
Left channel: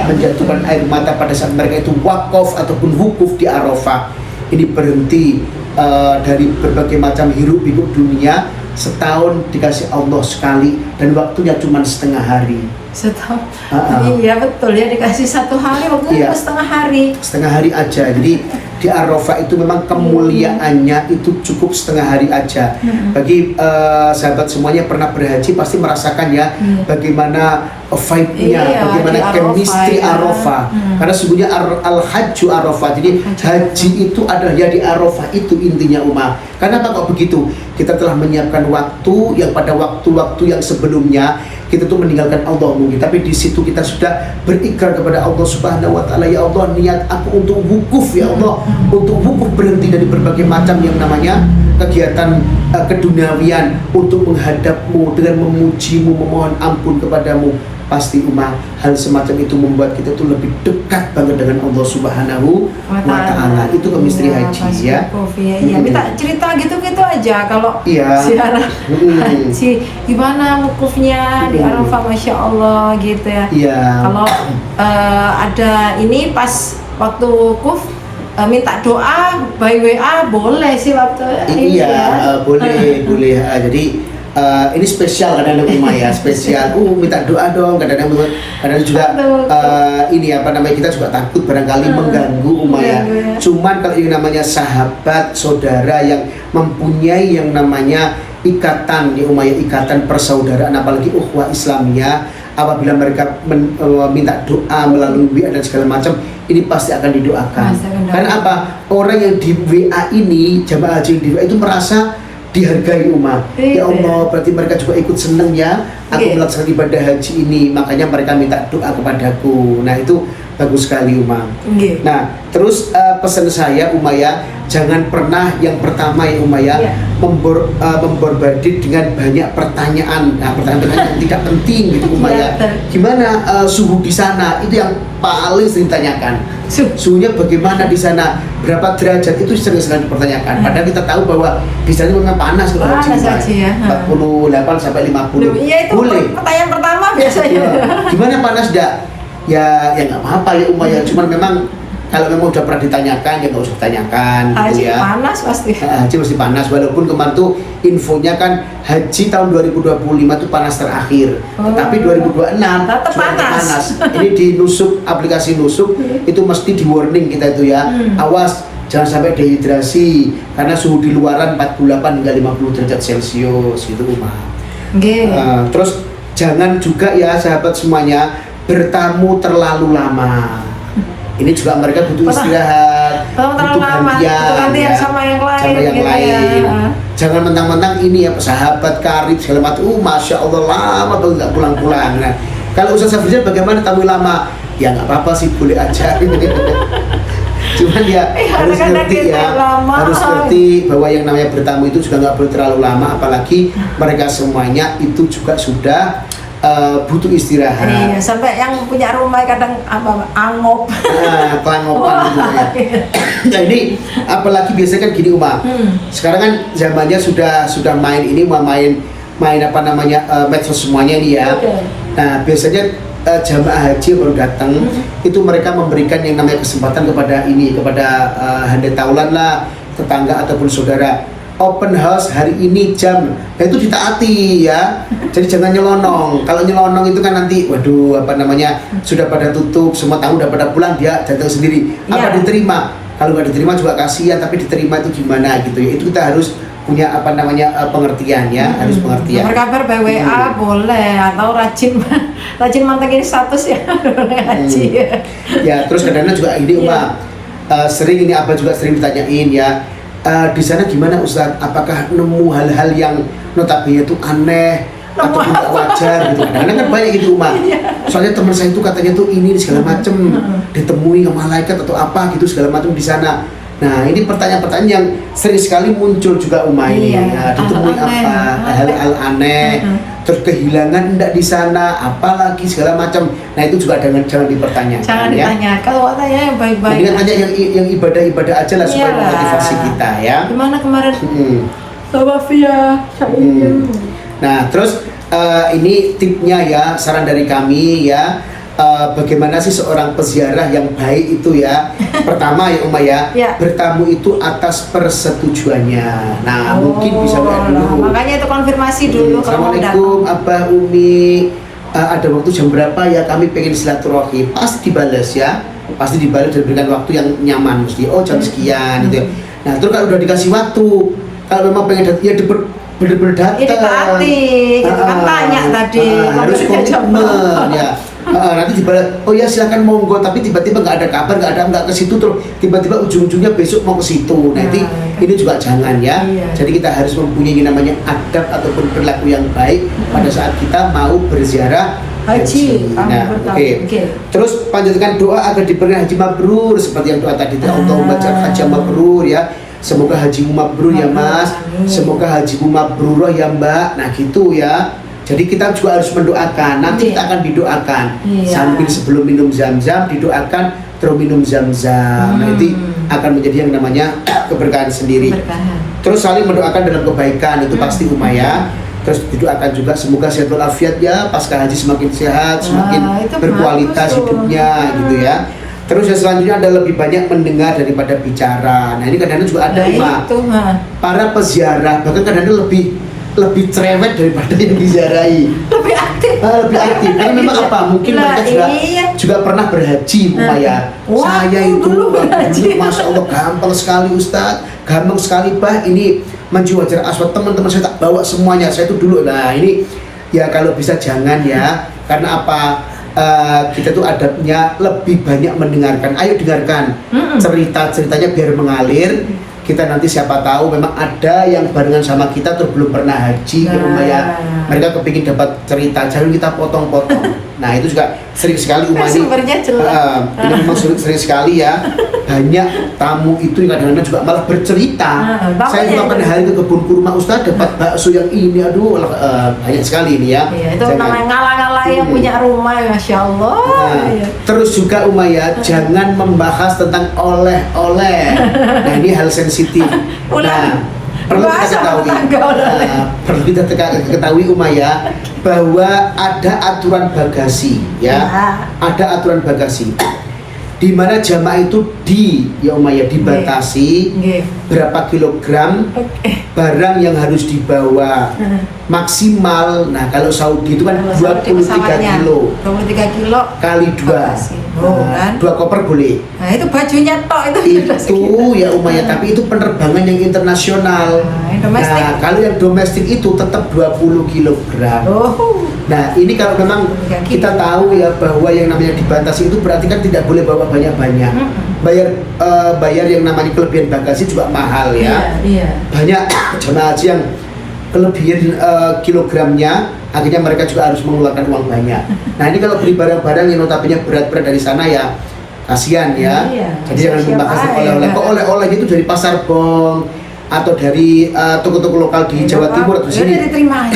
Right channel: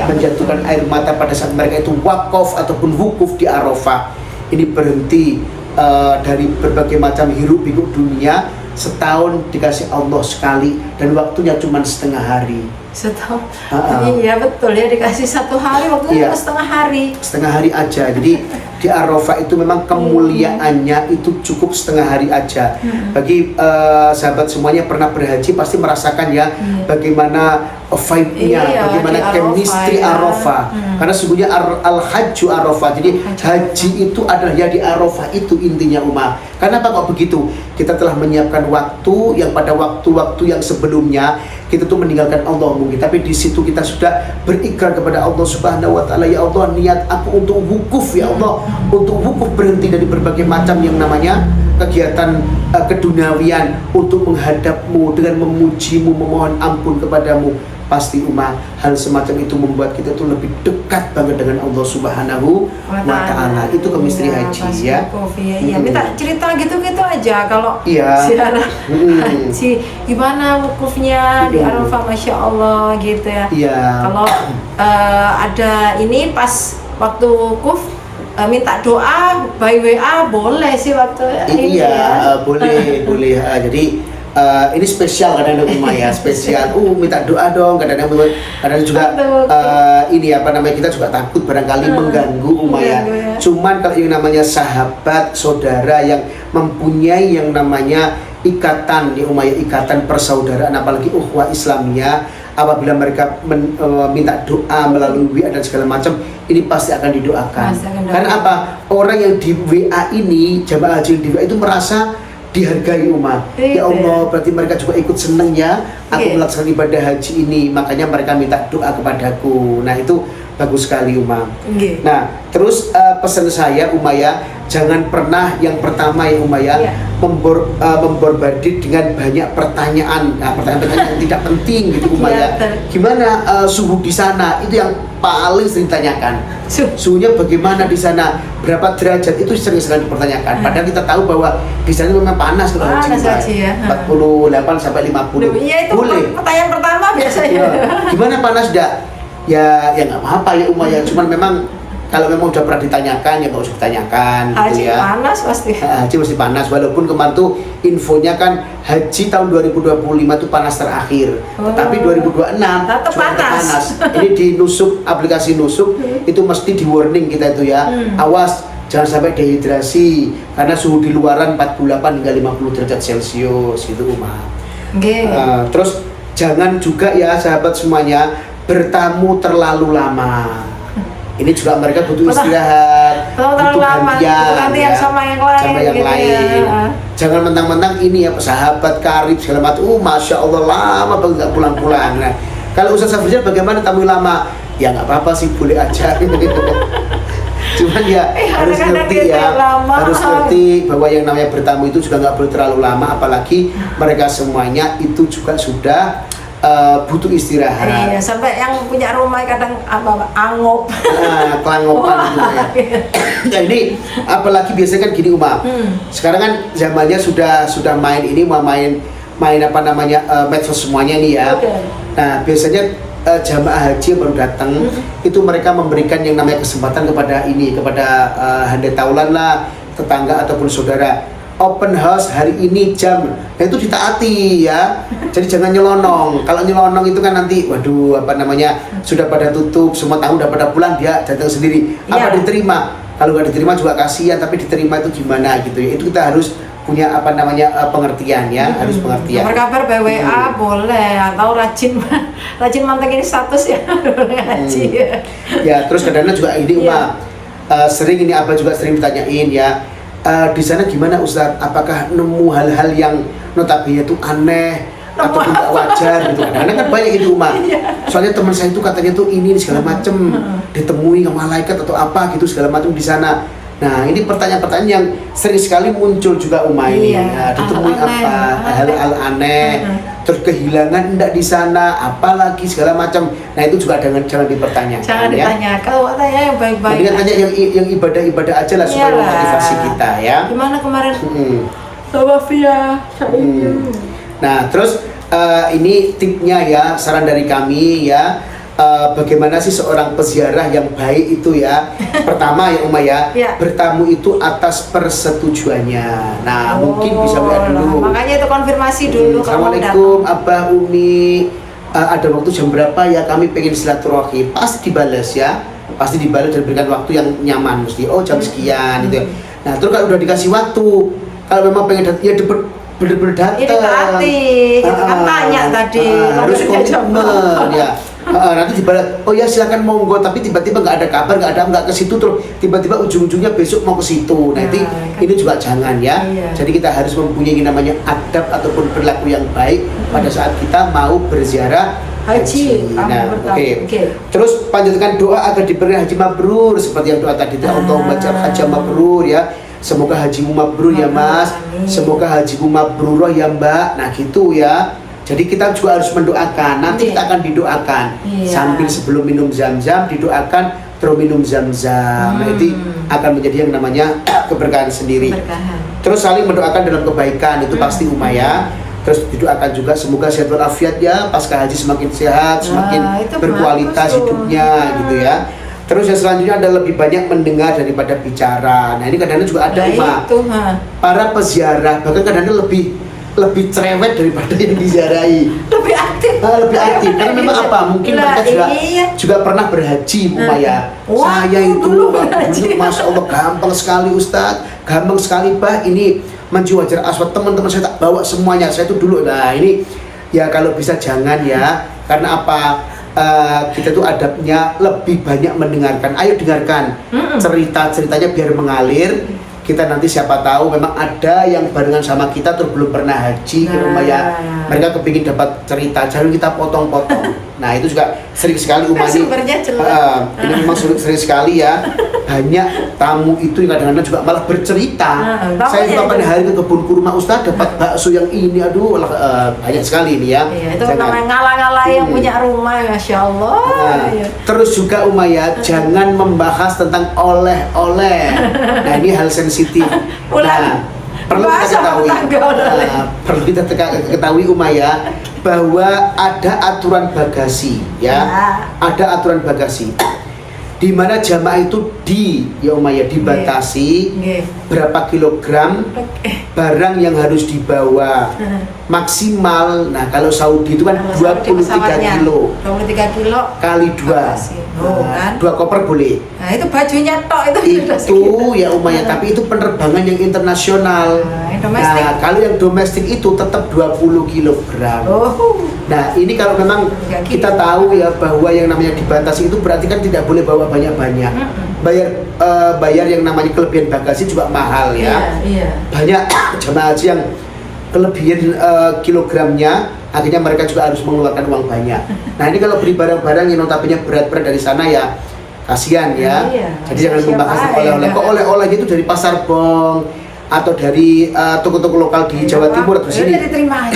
menjatuhkan air mata pada saat mereka itu wakaf ataupun wukuf di Arafah. Ini berhenti dari berbagai macam hiruk pikuk dunia setahun dikasih Allah sekali dan waktunya cuma setengah hari. Setahun. Iya betul ya, dikasih 1 hari waktunya setengah hari. Setengah hari aja. Jadi di Arafah itu memang kemuliaannya itu cukup setengah hari aja. Bagi sahabat semuanya pernah berhaji pasti merasakan ya bagaimana vibe-nya, bagaimana chemistry Arafah. Karena sesungguhnya al-hajju Arafah. Jadi haji itu adalah ya di Arafah itu intinya umat. Kenapa kok begitu? Kita telah menyiapkan waktu yang pada waktu-waktu yang sebelumnya kita tuh meninggalkan Allah mungkin, tapi di situ kita sudah berikrar kepada Allah Subhanahu wa taala, ya Allah, niat aku untuk wukuf ya Allah, untuk wukuf berhenti dari berbagai macam yang namanya kegiatan keduniawian untuk menghadapmu dengan memujimu, memohon ampun kepadamu. Pasti umat hal semacam itu membuat kita tuh lebih dekat banget dengan Allah Subhanahu wa taala. Itu chemistry haji ya. Iya, minta cerita gitu-gitu aja kalau ziarah haji gimana wukufnya di Arafah, Masya Allah gitu ya. Kalau ada ini pas waktu wukuf minta doa by WA boleh sih waktu ini ya. Boleh. Jadi ini spesial kadang-kadang rumah ya, spesial. Minta doa dong, kadang-kadang juga ini apa namanya, kita juga takut barangkali mengganggu umat ya. Cuman kalau ini namanya sahabat, saudara yang mempunyai yang namanya ikatan ya umat ya, ikatan persaudaraan, apalagi ukhuwah Islamnya, apabila mereka minta doa melalui WA dan segala macam, ini pasti akan didoakan. Karena apa? Orang yang di WA ini, jamaah haji di WA itu merasa dihargai umat. Ya Allah, berarti mereka juga ikut seneng ya aku melaksanakan ibadah haji ini, makanya mereka minta doa kepadaku. Nah itu bagus sekali umat. Nah terus pesan saya Umaya, jangan pernah yang pertama ya Umaya membombardir dengan banyak pertanyaan. Nah pertanyaan yang tidak penting gitu Umaya. Gimana suhu di sana? Itu yang paling sering ditanyakan. Suhunya bagaimana di sana? Berapa derajat? Itu sering sekali dipertanyakan. Padahal kita tahu bahwa di sana memang panas kalau haji ya. 48 sampai 50. Iya itu pertanyaan pertama biasanya. Gimana panas dak? Ya nggak apa-apa ya Umaya. Cuman memang kalau memang udah pernah ditanyakan ya nggak usah ditanyakan. Haji gitu ya. Panas pasti. Haji mesti panas. Walaupun kemarin tuh infonya kan haji tahun 2025 itu panas terakhir. Tapi 2026 tetap panas. Ini di Nusuk, aplikasi Nusuk itu mesti di warning kita itu ya. Awas jangan sampai dehidrasi karena suhu di luaran 48 hingga 50 derajat Celcius itu Umar. Terus jangan juga ya sahabat semuanya bertamu terlalu lama. Ini juga mereka butuh istirahat, terlalu lama, gantian sama yang lain. Jangan mentang-mentang ini ya sahabat karib segala macam. Masya Allah lama banget nggak pulang-pulang. Nah, kalau Ustaz Safrizal bagaimana tamu lama? Ya nggak apa-apa sih, boleh aja. Cuman ya harus ngerti ya, harus ngerti bahwa yang namanya bertamu itu juga nggak perlu terlalu lama, apalagi mereka semuanya itu juga sudah butuh istirahat. Iya, sampai yang punya rumah kadang angop. Kelangopan gitu ya. Nah ini apalagi biasanya kan gini Uma. Sekarang kan zamannya sudah main ini, main apa namanya medsos semuanya ini ya. Nah biasanya jamaah haji yang baru datang itu mereka memberikan yang namanya kesempatan kepada handai taulan lah, tetangga ataupun saudara. Open house hari ini jam, nah itu ditaati ya. Jadi jangan nyelonong. Kalau nyelonong itu kan nanti, waduh apa namanya sudah pada tutup, semua tamu udah pada pulang, dia datang sendiri. Apa diterima? Kalau nggak diterima juga kasihan, tapi diterima itu gimana gitu ya. Itu kita harus punya apa namanya pengertian ya, harus pengertian. Berkabar by WA boleh, atau rajin mantengin status ya haji. Ya terus kadang-kadang juga ini sering ini apa juga sering ditanyain ya. Di sana gimana Ustaz? Apakah nemu hal-hal yang notabene itu aneh atau tidak wajar gitu? Karena kan banyak gitu Umar. Soalnya teman saya itu katanya tuh ini segala macem ditemui ke malaikat atau apa gitu segala macam di sana. Nah ini pertanyaan-pertanyaan yang sering sekali muncul juga Umar. Ditemui apa? Hal-hal aneh, terus kehilangan enggak di sana, apalagi segala macam. Nah itu juga jangan dipertanyakan. Jangan ditanya. Kalau tanya yang baik-baik. Dengan tanya yang ibadah-ibadah aja lah supaya motivasi kita ya. Gimana kemarin? Sama Via. Nah terus ini tipnya ya, saran dari kami ya. bagaimana sih seorang peziarah yang baik itu ya. Pertama ya Uma ya, Ya. bertamu itu atas persetujuannya. Nah mungkin bisa doa dulu. Makanya itu konfirmasi dulu kalau mau datang. Assalamualaikum Abah Umi, ada waktu jam berapa ya, kami pengen silaturahmi. Pasti dibalas ya, pasti dibalas dan berikan waktu yang nyaman, mesti jam sekian gitu. Nah terus kalau udah dikasih waktu, kalau memang pengen datang ya bener-bener datang. Ini berarti gitu kan tanya tadi harus waktunya jam komitmen berapa. ya. Nanti dibalas, oh ya silakan monggo, tapi tiba-tiba nggak ada kabar, nggak ke situ, terus tiba-tiba ujung-ujungnya besok mau ke situ. Nah, ini juga jangan ya. Iya. Jadi kita harus mempunyai namanya adab ataupun perilaku yang baik pada saat kita mau berziarah Haji. Nah, Oke. Terus panjatkan doa agar diberikan haji mabrur seperti yang doa tadi. Allahumma ja'al haji mabrur ya. Semoga hajimu mabrur ya Mas. Amin. Semoga hajimu mabrur ya Mbak. Nah gitu ya. Jadi kita juga harus mendoakan. Nanti kita akan didoakan sambil sebelum minum zam-zam didoakan terus minum zam-zam. Nah itu akan menjadi yang namanya keberkahan sendiri. Terus saling mendoakan dalam kebaikan itu pasti Uma ya. Terus didoakan juga semoga sehat walafiat ya, pasca haji semakin sehat, semakin berkualitas hidupnya gitu ya. Terus yang selanjutnya ada lebih banyak mendengar daripada bicara. Nah ini kadang-kadang juga ada para peziarah bahkan kadang-kadang lebih cerewet daripada yang diziarahi. Lebih aktif. Lebih aktif. Karena memang apa? Mungkin mereka juga pernah berhaji, Upaya. Saya itu dulu, masya Allah gampang sekali Ustadz, gampang sekali Bah. Ini menuju Hajar Aswad, teman-teman saya tak bawa semuanya. Saya itu dulu. Nah ini ya kalau bisa jangan ya. Karena apa? Kita tuh adabnya lebih banyak mendengarkan. Ayo dengarkan cerita-ceritanya biar mengalir. Kita nanti siapa tahu memang ada yang barengan sama kita terus belum pernah haji ke rumah ya, mereka kepingin dapat cerita, jangan kita potong-potong. Nah itu juga sering sekali umat ini memang sering sekali ya, banyak tamu itu yang kadang-kadang juga malah bercerita. Saya kemarin hari ke kebun kurma Ustaz dapat bakso yang ini, aduh banyak sekali ini ya. Itu namanya ngalah-ngalah yang punya rumah, masya Allah. Terus juga Umayyah jangan membahas tentang oleh-oleh. Nah ini hal sensitif. Perlu kita ketahui Umayyah bahwa ada aturan bagasi ya. Ada aturan bagasi di mana jamaah itu dibatasi berapa kilogram barang yang harus dibawa maksimal. Nah kalau Saudi itu kan 23 kilo kali 2 2 koper boleh. Nah itu bajunya tok itu ya Umayyah, tapi itu penerbangan yang internasional. Nah kalau yang domestik itu tetap 20 kilogram. Nah ini kalau memang kita tahu ya bahwa yang namanya dibatasi itu berarti kan tidak boleh bawa banyak-banyak. Bayar yang namanya kelebihan bagasi juga mahal ya. Banyak jemaah haji yang kelebihan kilogramnya, akhirnya mereka juga harus mengeluarkan uang banyak. Nah ini kalau beli barang-barang yang notabene berat-berat dari sana ya kasihan ya. Jadi jangan membahas oleh-oleh. Kok oleh-oleh itu dari Pasar Bong atau dari toko-toko lokal di Jawa Timur atau sini, terima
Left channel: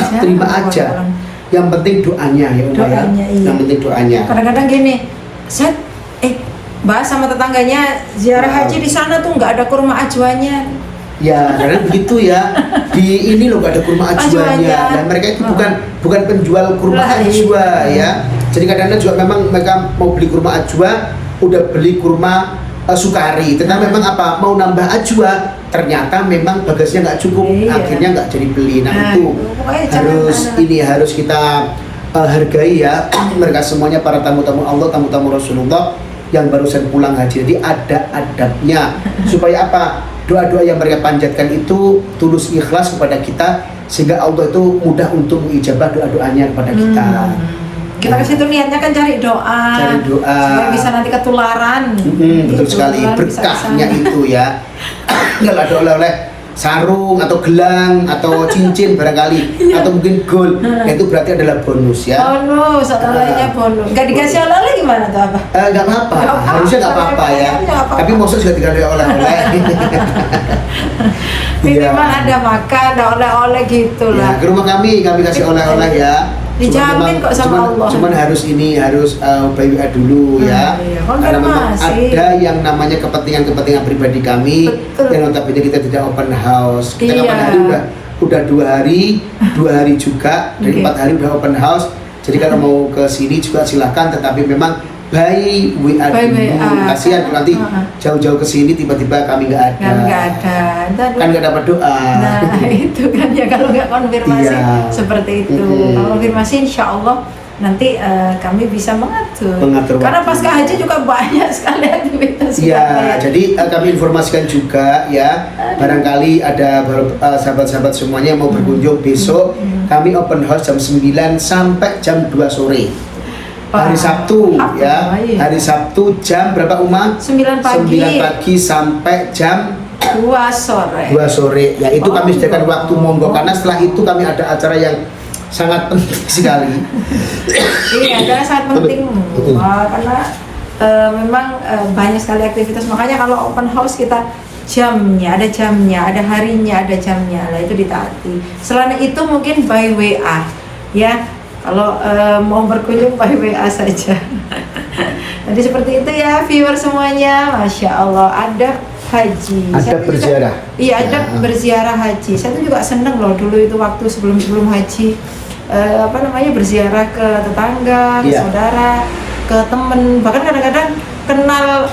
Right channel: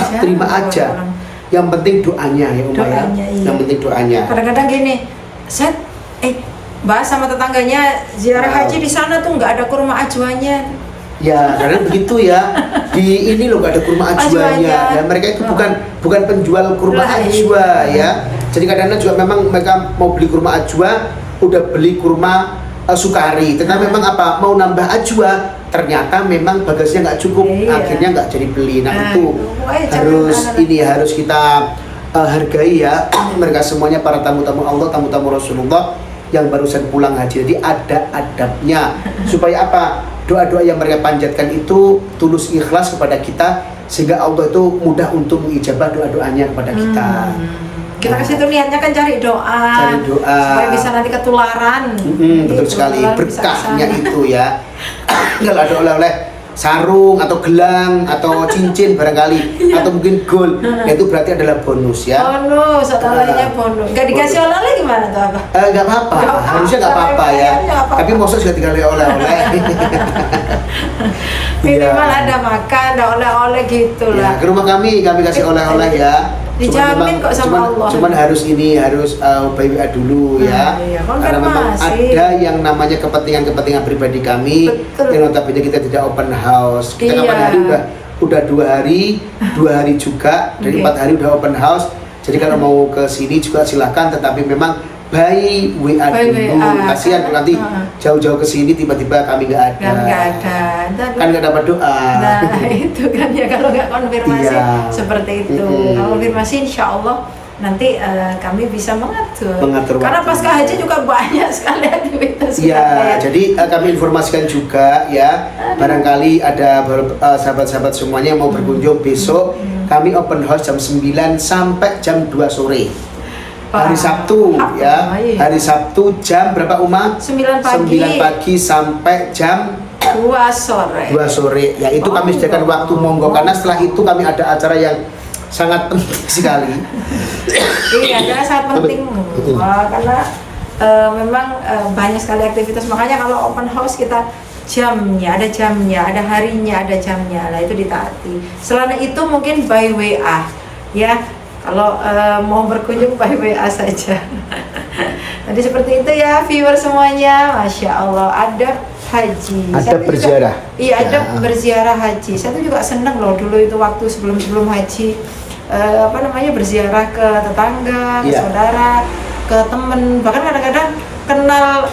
aja. Yang penting doanya ya Umayyah. Yang penting doanya. Kadang-kadang gini, saya bahas sama tetangganya ziarah haji di sana tuh nggak ada kurma ajwanya. Ya, karena begitu ya. Di ini loh gak ada kurma ajwanya. Nah, mereka itu bukan penjual kurma ajwa ya. Jadi kadang-kadang juga memang mereka mau beli kurma ajwa, udah beli kurma sukari. Tetapi memang apa? Mau nambah ajwa, ternyata memang bagasinya nggak cukup, akhirnya nggak jadi beli. Nah itu harus kita hargai ya. Mereka semuanya para tamu-tamu Allah, tamu-tamu Rasulullah yang barusan pulang haji. Jadi ada adabnya supaya apa? Doa-doa yang mereka panjatkan itu tulus ikhlas kepada kita sehingga Allah itu mudah untuk mengijabah doa-doanya kepada kita. Kita ke situ niatnya kan cari doa supaya bisa nanti ketularan. Betul sekali, berkahnya itu ya. Kalau ada oleh-oleh sarung atau gelang atau cincin barangkali atau mungkin gold, itu berarti adalah bonus ya. Bonus, olehnya bonus. Gak dikasih oleh-oleh gimana tuh apa? Nggak apa-apa, harusnya nggak apa-apa ya. Tapi maksud sudah dikasih oleh-oleh. Minimal ada makan, ada oleh-oleh gitulah. Ke rumah kami kasih oleh-oleh ya. Dijamin kok sama Allah. Cuman harus BWA dulu ya. Karena memang ada yang namanya kepentingan pribadi kami. Yang notabene kita tidak open house. Kita kapan hari udah 2 hari juga, dari 4 hari udah open house. Jadi kalau mau ke sini juga silahkan, tetapi memang by WA By dulu. WA. Kasihan nanti jauh-jauh ke sini tiba-tiba kami nggak ada. Nggak ada. Kan nggak dapat doa. Nah itu kan ya, kalau nggak konfirmasi Iya. seperti itu. Kalau konfirmasi insya Allah nanti kami bisa mengatur. Karena waktu. pasca haji juga banyak sekali aktivitas Ya, kita. jadi kami informasikan juga ya, barangkali ada sahabat-sahabat semuanya yang mau berkunjung besok, kami open house jam 9 sampai jam 2 sore. Hari Sabtu ya, hari Sabtu jam berapa Uma? 9 pagi. 9 pagi sampai jam 2 sore. 2 sore. Ya itu kami sediakan waktu monggo, karena setelah itu kami ada acara yang sangat penting sekali. Iya, karena sangat penting. Wah, karena memang banyak sekali aktivitas. Makanya kalau open house kita jamnya, ada harinya, ada jamnya. Lah itu ditaati. Selain itu mungkin by WA ya. Kalau mau berkunjung by WA saja. Jadi seperti itu ya viewer semuanya. Masya Allah, ada haji. Ada berziarah. Iya, ada berziarah haji. Saya tuh juga seneng loh dulu itu waktu sebelum haji. Berziarah ke tetangga, ke saudara, ke temen, bahkan kadang-kadang kenal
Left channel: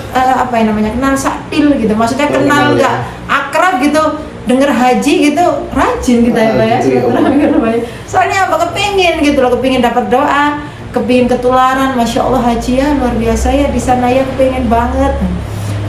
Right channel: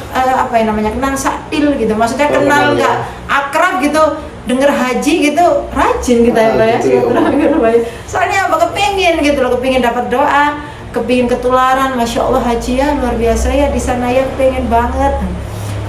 kenal saktil gitu, maksudnya kenal nggak akrab gitu, denger haji gitu, rajin kita ya silaturahmi. Soalnya apa, kepingin gitu loh, kepingin dapat doa, kepingin ketularan. Masya Allah haji ya luar biasa ya di sana ya, kepingin banget.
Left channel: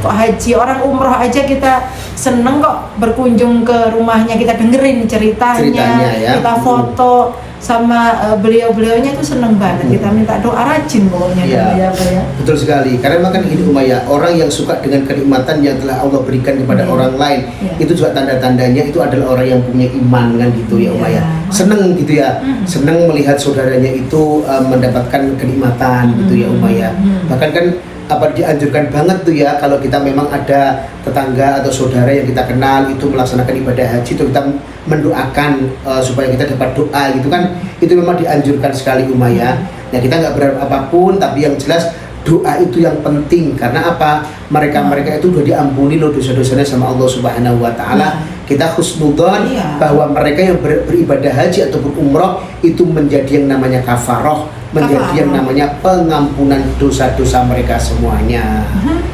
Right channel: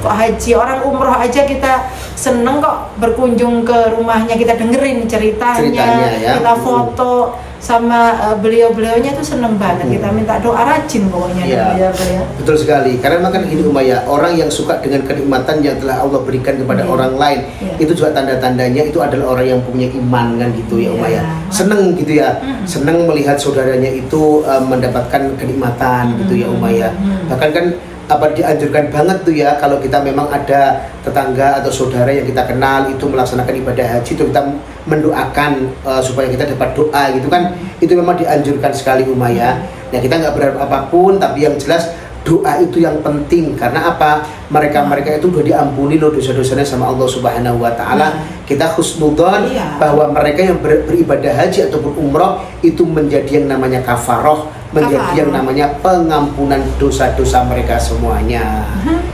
Kok haji, orang umroh aja kita seneng kok berkunjung ke rumahnya, kita dengerin ceritanya ya. Kita foto sama beliau-beliaunya tuh seneng banget. Kita minta doa rajin pokoknya ya. Betul sekali, karena makan ini Umayyah, orang yang suka dengan kenikmatan yang telah Allah berikan kepada orang lain, itu juga tanda-tandanya itu adalah orang yang punya iman kan gitu ya Umayyah. Seneng gitu ya, seneng melihat saudaranya itu mendapatkan kenikmatan gitu ya Umayyah. Bahkan kan dianjurkan banget tuh ya, kalau kita memang ada tetangga atau saudara yang kita kenal itu melaksanakan ibadah haji, itu kita mendoakan supaya kita dapat doa gitu kan, itu memang dianjurkan sekali Umayyah. Nah kita nggak berharap apapun, tapi yang jelas doa itu yang penting. Karena apa? Mereka itu udah diampuni loh dosa-dosanya sama Allah Subhanahu Wa Taala. Kita husnudzon bahwa mereka yang beribadah haji ataupun umroh itu menjadi yang namanya kafaroh, menjadi yang namanya pengampunan dosa-dosa mereka semuanya.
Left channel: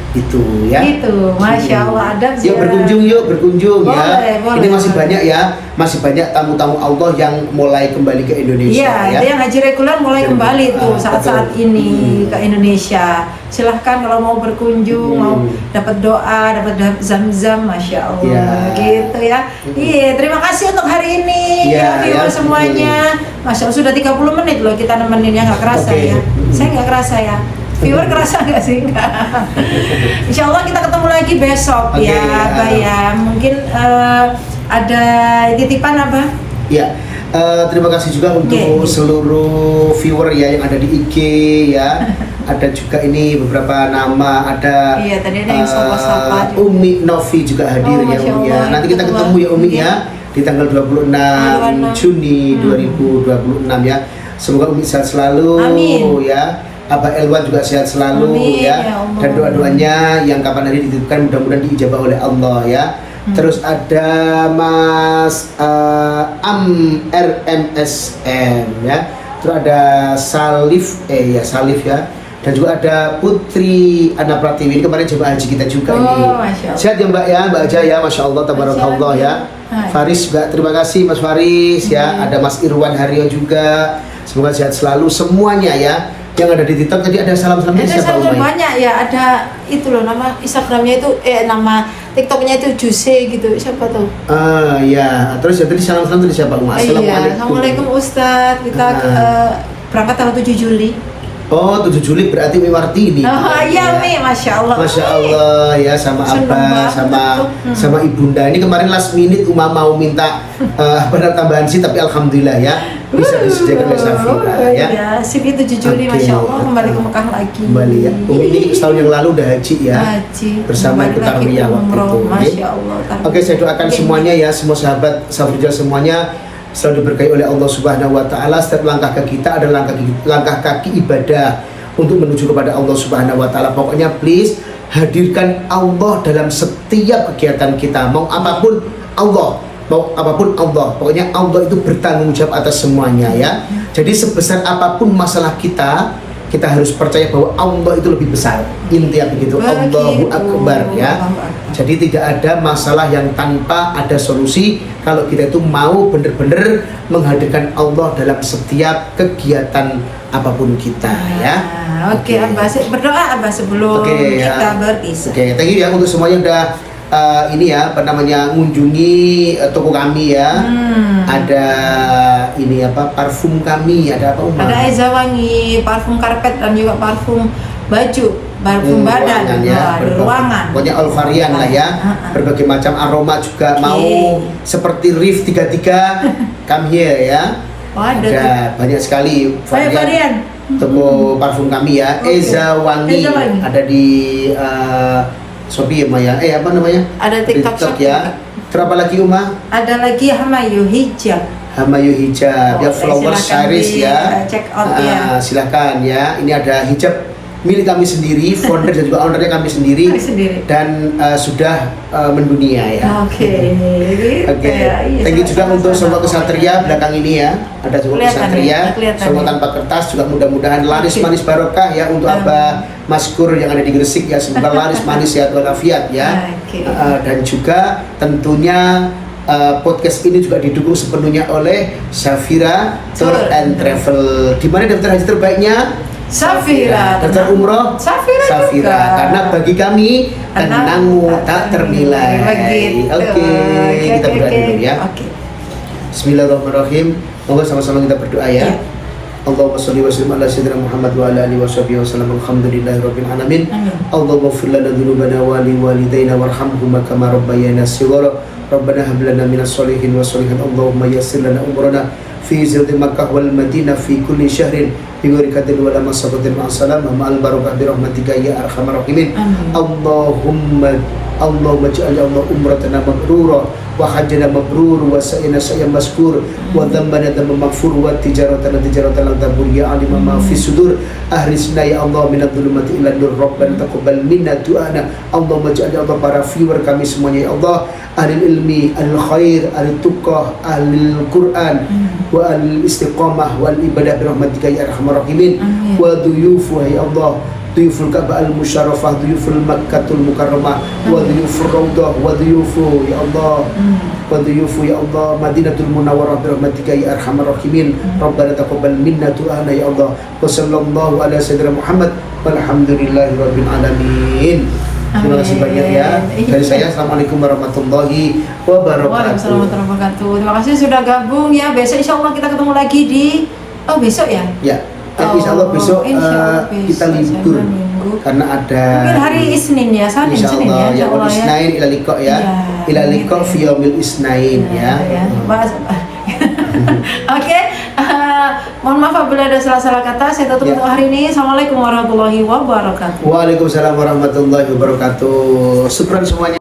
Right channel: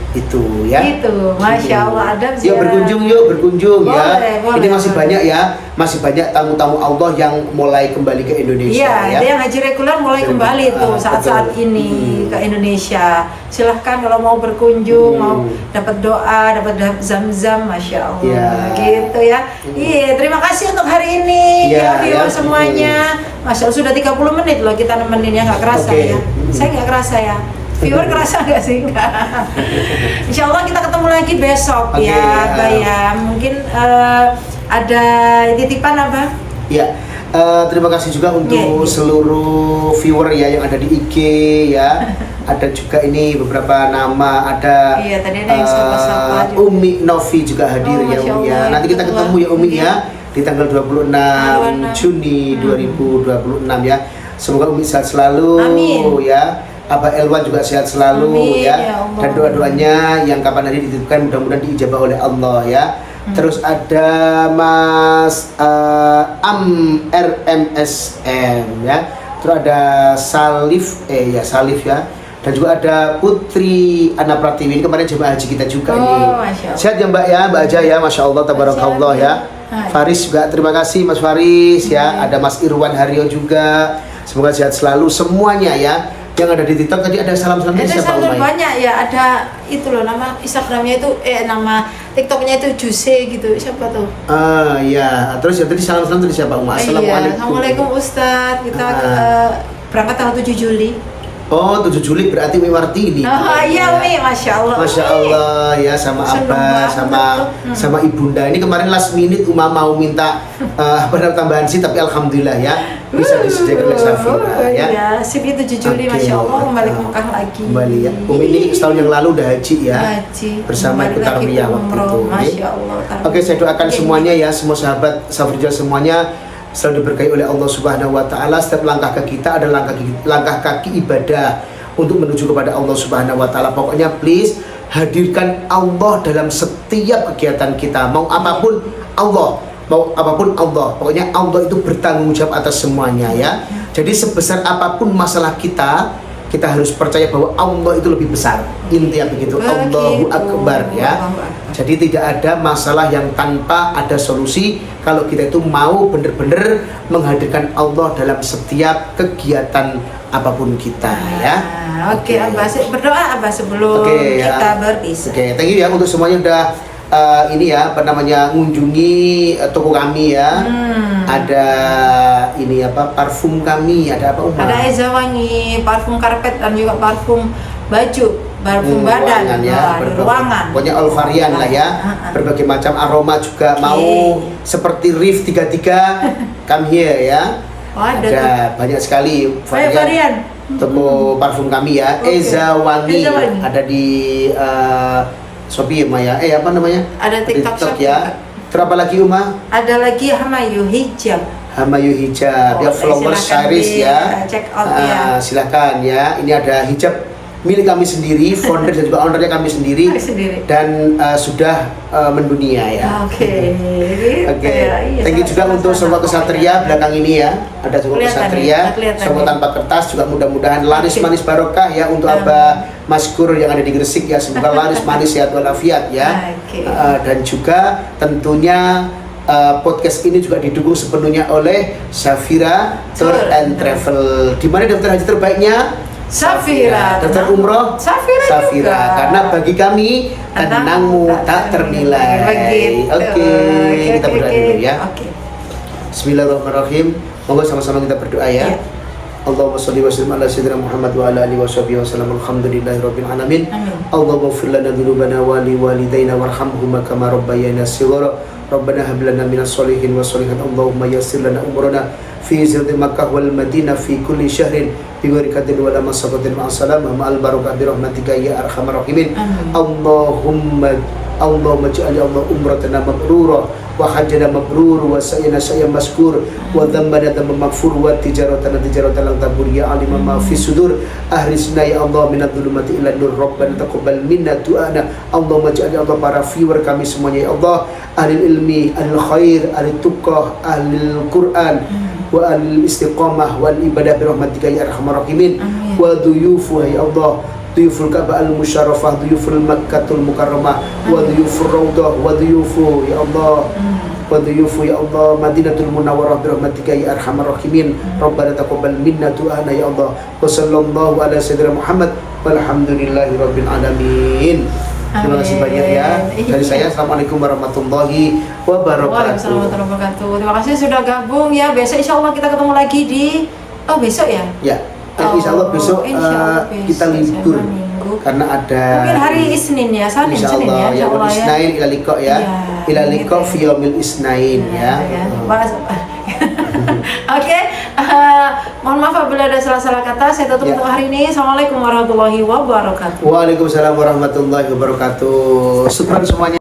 Itu ya. Itu, Masya Allah, adab ziarah. Berkunjung ya. Boleh, ini masih banyak ya, masih banyak tamu-tamu Allah yang mulai kembali ke Indonesia. Iya, itu yang haji reguler mulai kembali tuh saat-saat ini ke Indonesia. Silahkan kalau mau berkunjung, mau dapat doa, dapat zam-zam, Masya Allah, gitu ya. Iya, terima kasih untuk hari ini ya viewer semuanya. Masya Allah, sudah 30 menit loh kita nemenin ya, nggak kerasa ya. Saya nggak kerasa ya. Viewer kerasa nggak sih? Nggak. Insya Allah kita ketemu lagi besok ya, Bayam. Mungkin ada titipan apa? Ya, terima kasih juga untuk seluruh viewer ya yang ada di IG ya. Ada juga ini beberapa nama, ada tadi ada yang sapa juga. Umi Novi juga hadir ya Umi ya. Nanti kita ketemu ya Umi ya di tanggal 26 Juni 2026 ya. Semoga Umi sehat selalu. Amin. Ya. Abah Elwan juga sehat selalu. Amin, ya. Dan doa-doanya yang kapan hari dititipkan mudah-mudahan diijabah oleh Allah ya. Terus ada Mas RMSN ya. Terus ada Salif ya. Dan juga ada Putri Ana Pratiwi, ini kemarin jemaah haji kita juga ini. Sehat ya Mbak ya, Mbak Aja ya, Masya Allah, tabarakallah ya. Faris juga terima kasih Mas Faris ya. Ada Mas Irwan Haryo juga. Semoga sehat selalu semuanya ya. Yang ada di TikTok tadi ada salam-salam dari siapa Umay? Banyak ya, ada itu loh, nama Instagramnya itu nama TikToknya itu Juse gitu, siapa tuh? Ya, terus ya tadi salam-salam dari siapa Umay? Assalamualaikum Ustadz, kita berangkat tanggal 7 Juli. Oh, 7 Juli berarti Mi Martini. Oh iya Mi, Masya Allah. Masya Allah ya, sama Abah, sama Ibunda. Ini kemarin last minute Uma mau minta tambahan sih, tapi alhamdulillah ya bisa disediakan oleh Safira ya. Sip itu 7 Juli, Masya Allah, kembali ke Mekah lagi. Kembali ya. Ini setahun yang lalu udah haji ya. Haji. Bersama Ibu Tarwiyah waktu itu. Masya Allah. Oke, saya doakan semuanya ya, semua sahabat Safira semuanya selalu diberkahi oleh Allah Subhanahu Wa Taala. Setiap langkah kaki kita adalah langkah kaki ibadah untuk menuju kepada Allah Subhanahu Wa Taala. Pokoknya please hadirkan Allah dalam setiap kegiatan kita. Mau apapun Allah. Pokoknya Allah itu bertanggung jawab atas semuanya ya. Jadi sebesar apapun masalah kita harus percaya bahwa Allah itu lebih besar. Intinya begitu. Allahu Akbar ya. Jadi tidak ada masalah yang tanpa ada solusi kalau kita itu mau benar-benar menghadirkan Allah dalam setiap kegiatan apapun kita ya. Oke, Abah berdoa Abah sebelum kita berpisah. Oke, thank you ya untuk semuanya udah ini ya apa namanya mengunjungi toko kami ya. Ada ini apa parfum kami, ada apa Uma? Ada Eza Wangi, parfum karpet dan juga parfum baju, parfum badan, ya, di ruangan. Pokoknya all varian lah ya. Berbagai macam aroma juga mau seperti Rif 33 come here ya. Ada banyak sekali varian. Toko parfum kami ya. Eza Wangi. Ada di Shopee ya, apa namanya? Ada TikTok ya. Berapa lagi Uma? Ada lagi Hamayu Hijab. Hamayu Hijab, ya flower series ya. Check out ya. Silahkan ya. Ini ada hijab milik kami sendiri, founder dan juga ownernya kami sendiri. Dan sudah mendunia ya. Oke. Thank you juga untuk semua kesatria belakang ini ya. Ada semua kesatria, semua tanpa kertas juga mudah-mudahan laris manis barokah ya untuk Abah Maskur yang ada di Gresik ya, semoga laris manis ya walafiat ya. Dan juga tentunya podcast ini juga didukung sepenuhnya oleh Safira Tour and Travel. Di mana daftar haji terbaiknya? Safira. Daftar umroh? Safira juga. Karena bagi kami tenangmu tak ternilai. Oke, kita berdoa dulu ya. Bismillahirrahmanirrahim. Moga sama-sama kita berdoa ya. Allahumma shalli wa sallim ala sayyidina Muhammad wa ala alihi wa sahbihi wa sallam. Alhamdulillahirabbil alamin. Allahumma ighfir lana dhunubana wa li walidayna warhamhuma kama rabbayana shighara. Rabbana hab lana minas sholihin wa sholihat. Allahumma yassir lana umurana fi zilzil Makkah wal Madinah fi kulli syahrin bi ghairi qadrin wa la masaqatin ma salam ma al barakah bi rahmatika ya arhamar rahimin. Allahumma ij'al ya Allah umratana mabrurah wa hajjana mabrur wa sa'yana sa'yan maskur wa dhanbana dhanban maghfur wa tijaratana tijaratan lan tabur ya alim ma fi sudur ahrisna ya Allah minadh dhulumati ila nur rabbana taqabbal minna du'ana. Allahumma ij'al ya Allah para viewer kami semuanya ya Allah ahli ilmi, ahli khair, ahli tuqah, ahli Quran wa ahli istiqamah wal ibadah bi rahmatika ya arhamar rahimin. Wa duyufu ya Allah duyuful Ka'bah al-Musyarrafah, duyuful Makkatul Mukarramah, wa duyufur Raudhah, wa duyufu ya Allah, wa duyufu ya Allah Madinatul Munawwarah bi rahmatika ya arhamar rahimin. Rabbana taqabbal minna du'ana ya Allah. Wa sallallahu ala sayyidina Muhammad walhamdulillahi rabbil alamin. Terima kasih banyak ya. Dari saya assalamualaikum warahmatullahi wabarakatuh. Waalaikumsalam warahmatullahi wabarakatuh. Terima kasih sudah gabung ya. Besok insya Allah kita ketemu lagi di besok ya. Ya. Insya Allah besok kita libur karena ada mungkin hari Isnin ya, Senin ya, insya Allah ya. Isnin ila liqa ya, ila liqa fi yaumil Isnin ya. Oke, mohon maaf apabila ada salah-salah kata. Saya tutup untuk hari ini. Assalamualaikum warahmatullahi wabarakatuh. Waalaikumsalam warahmatullahi wabarakatuh. Syukran semuanya.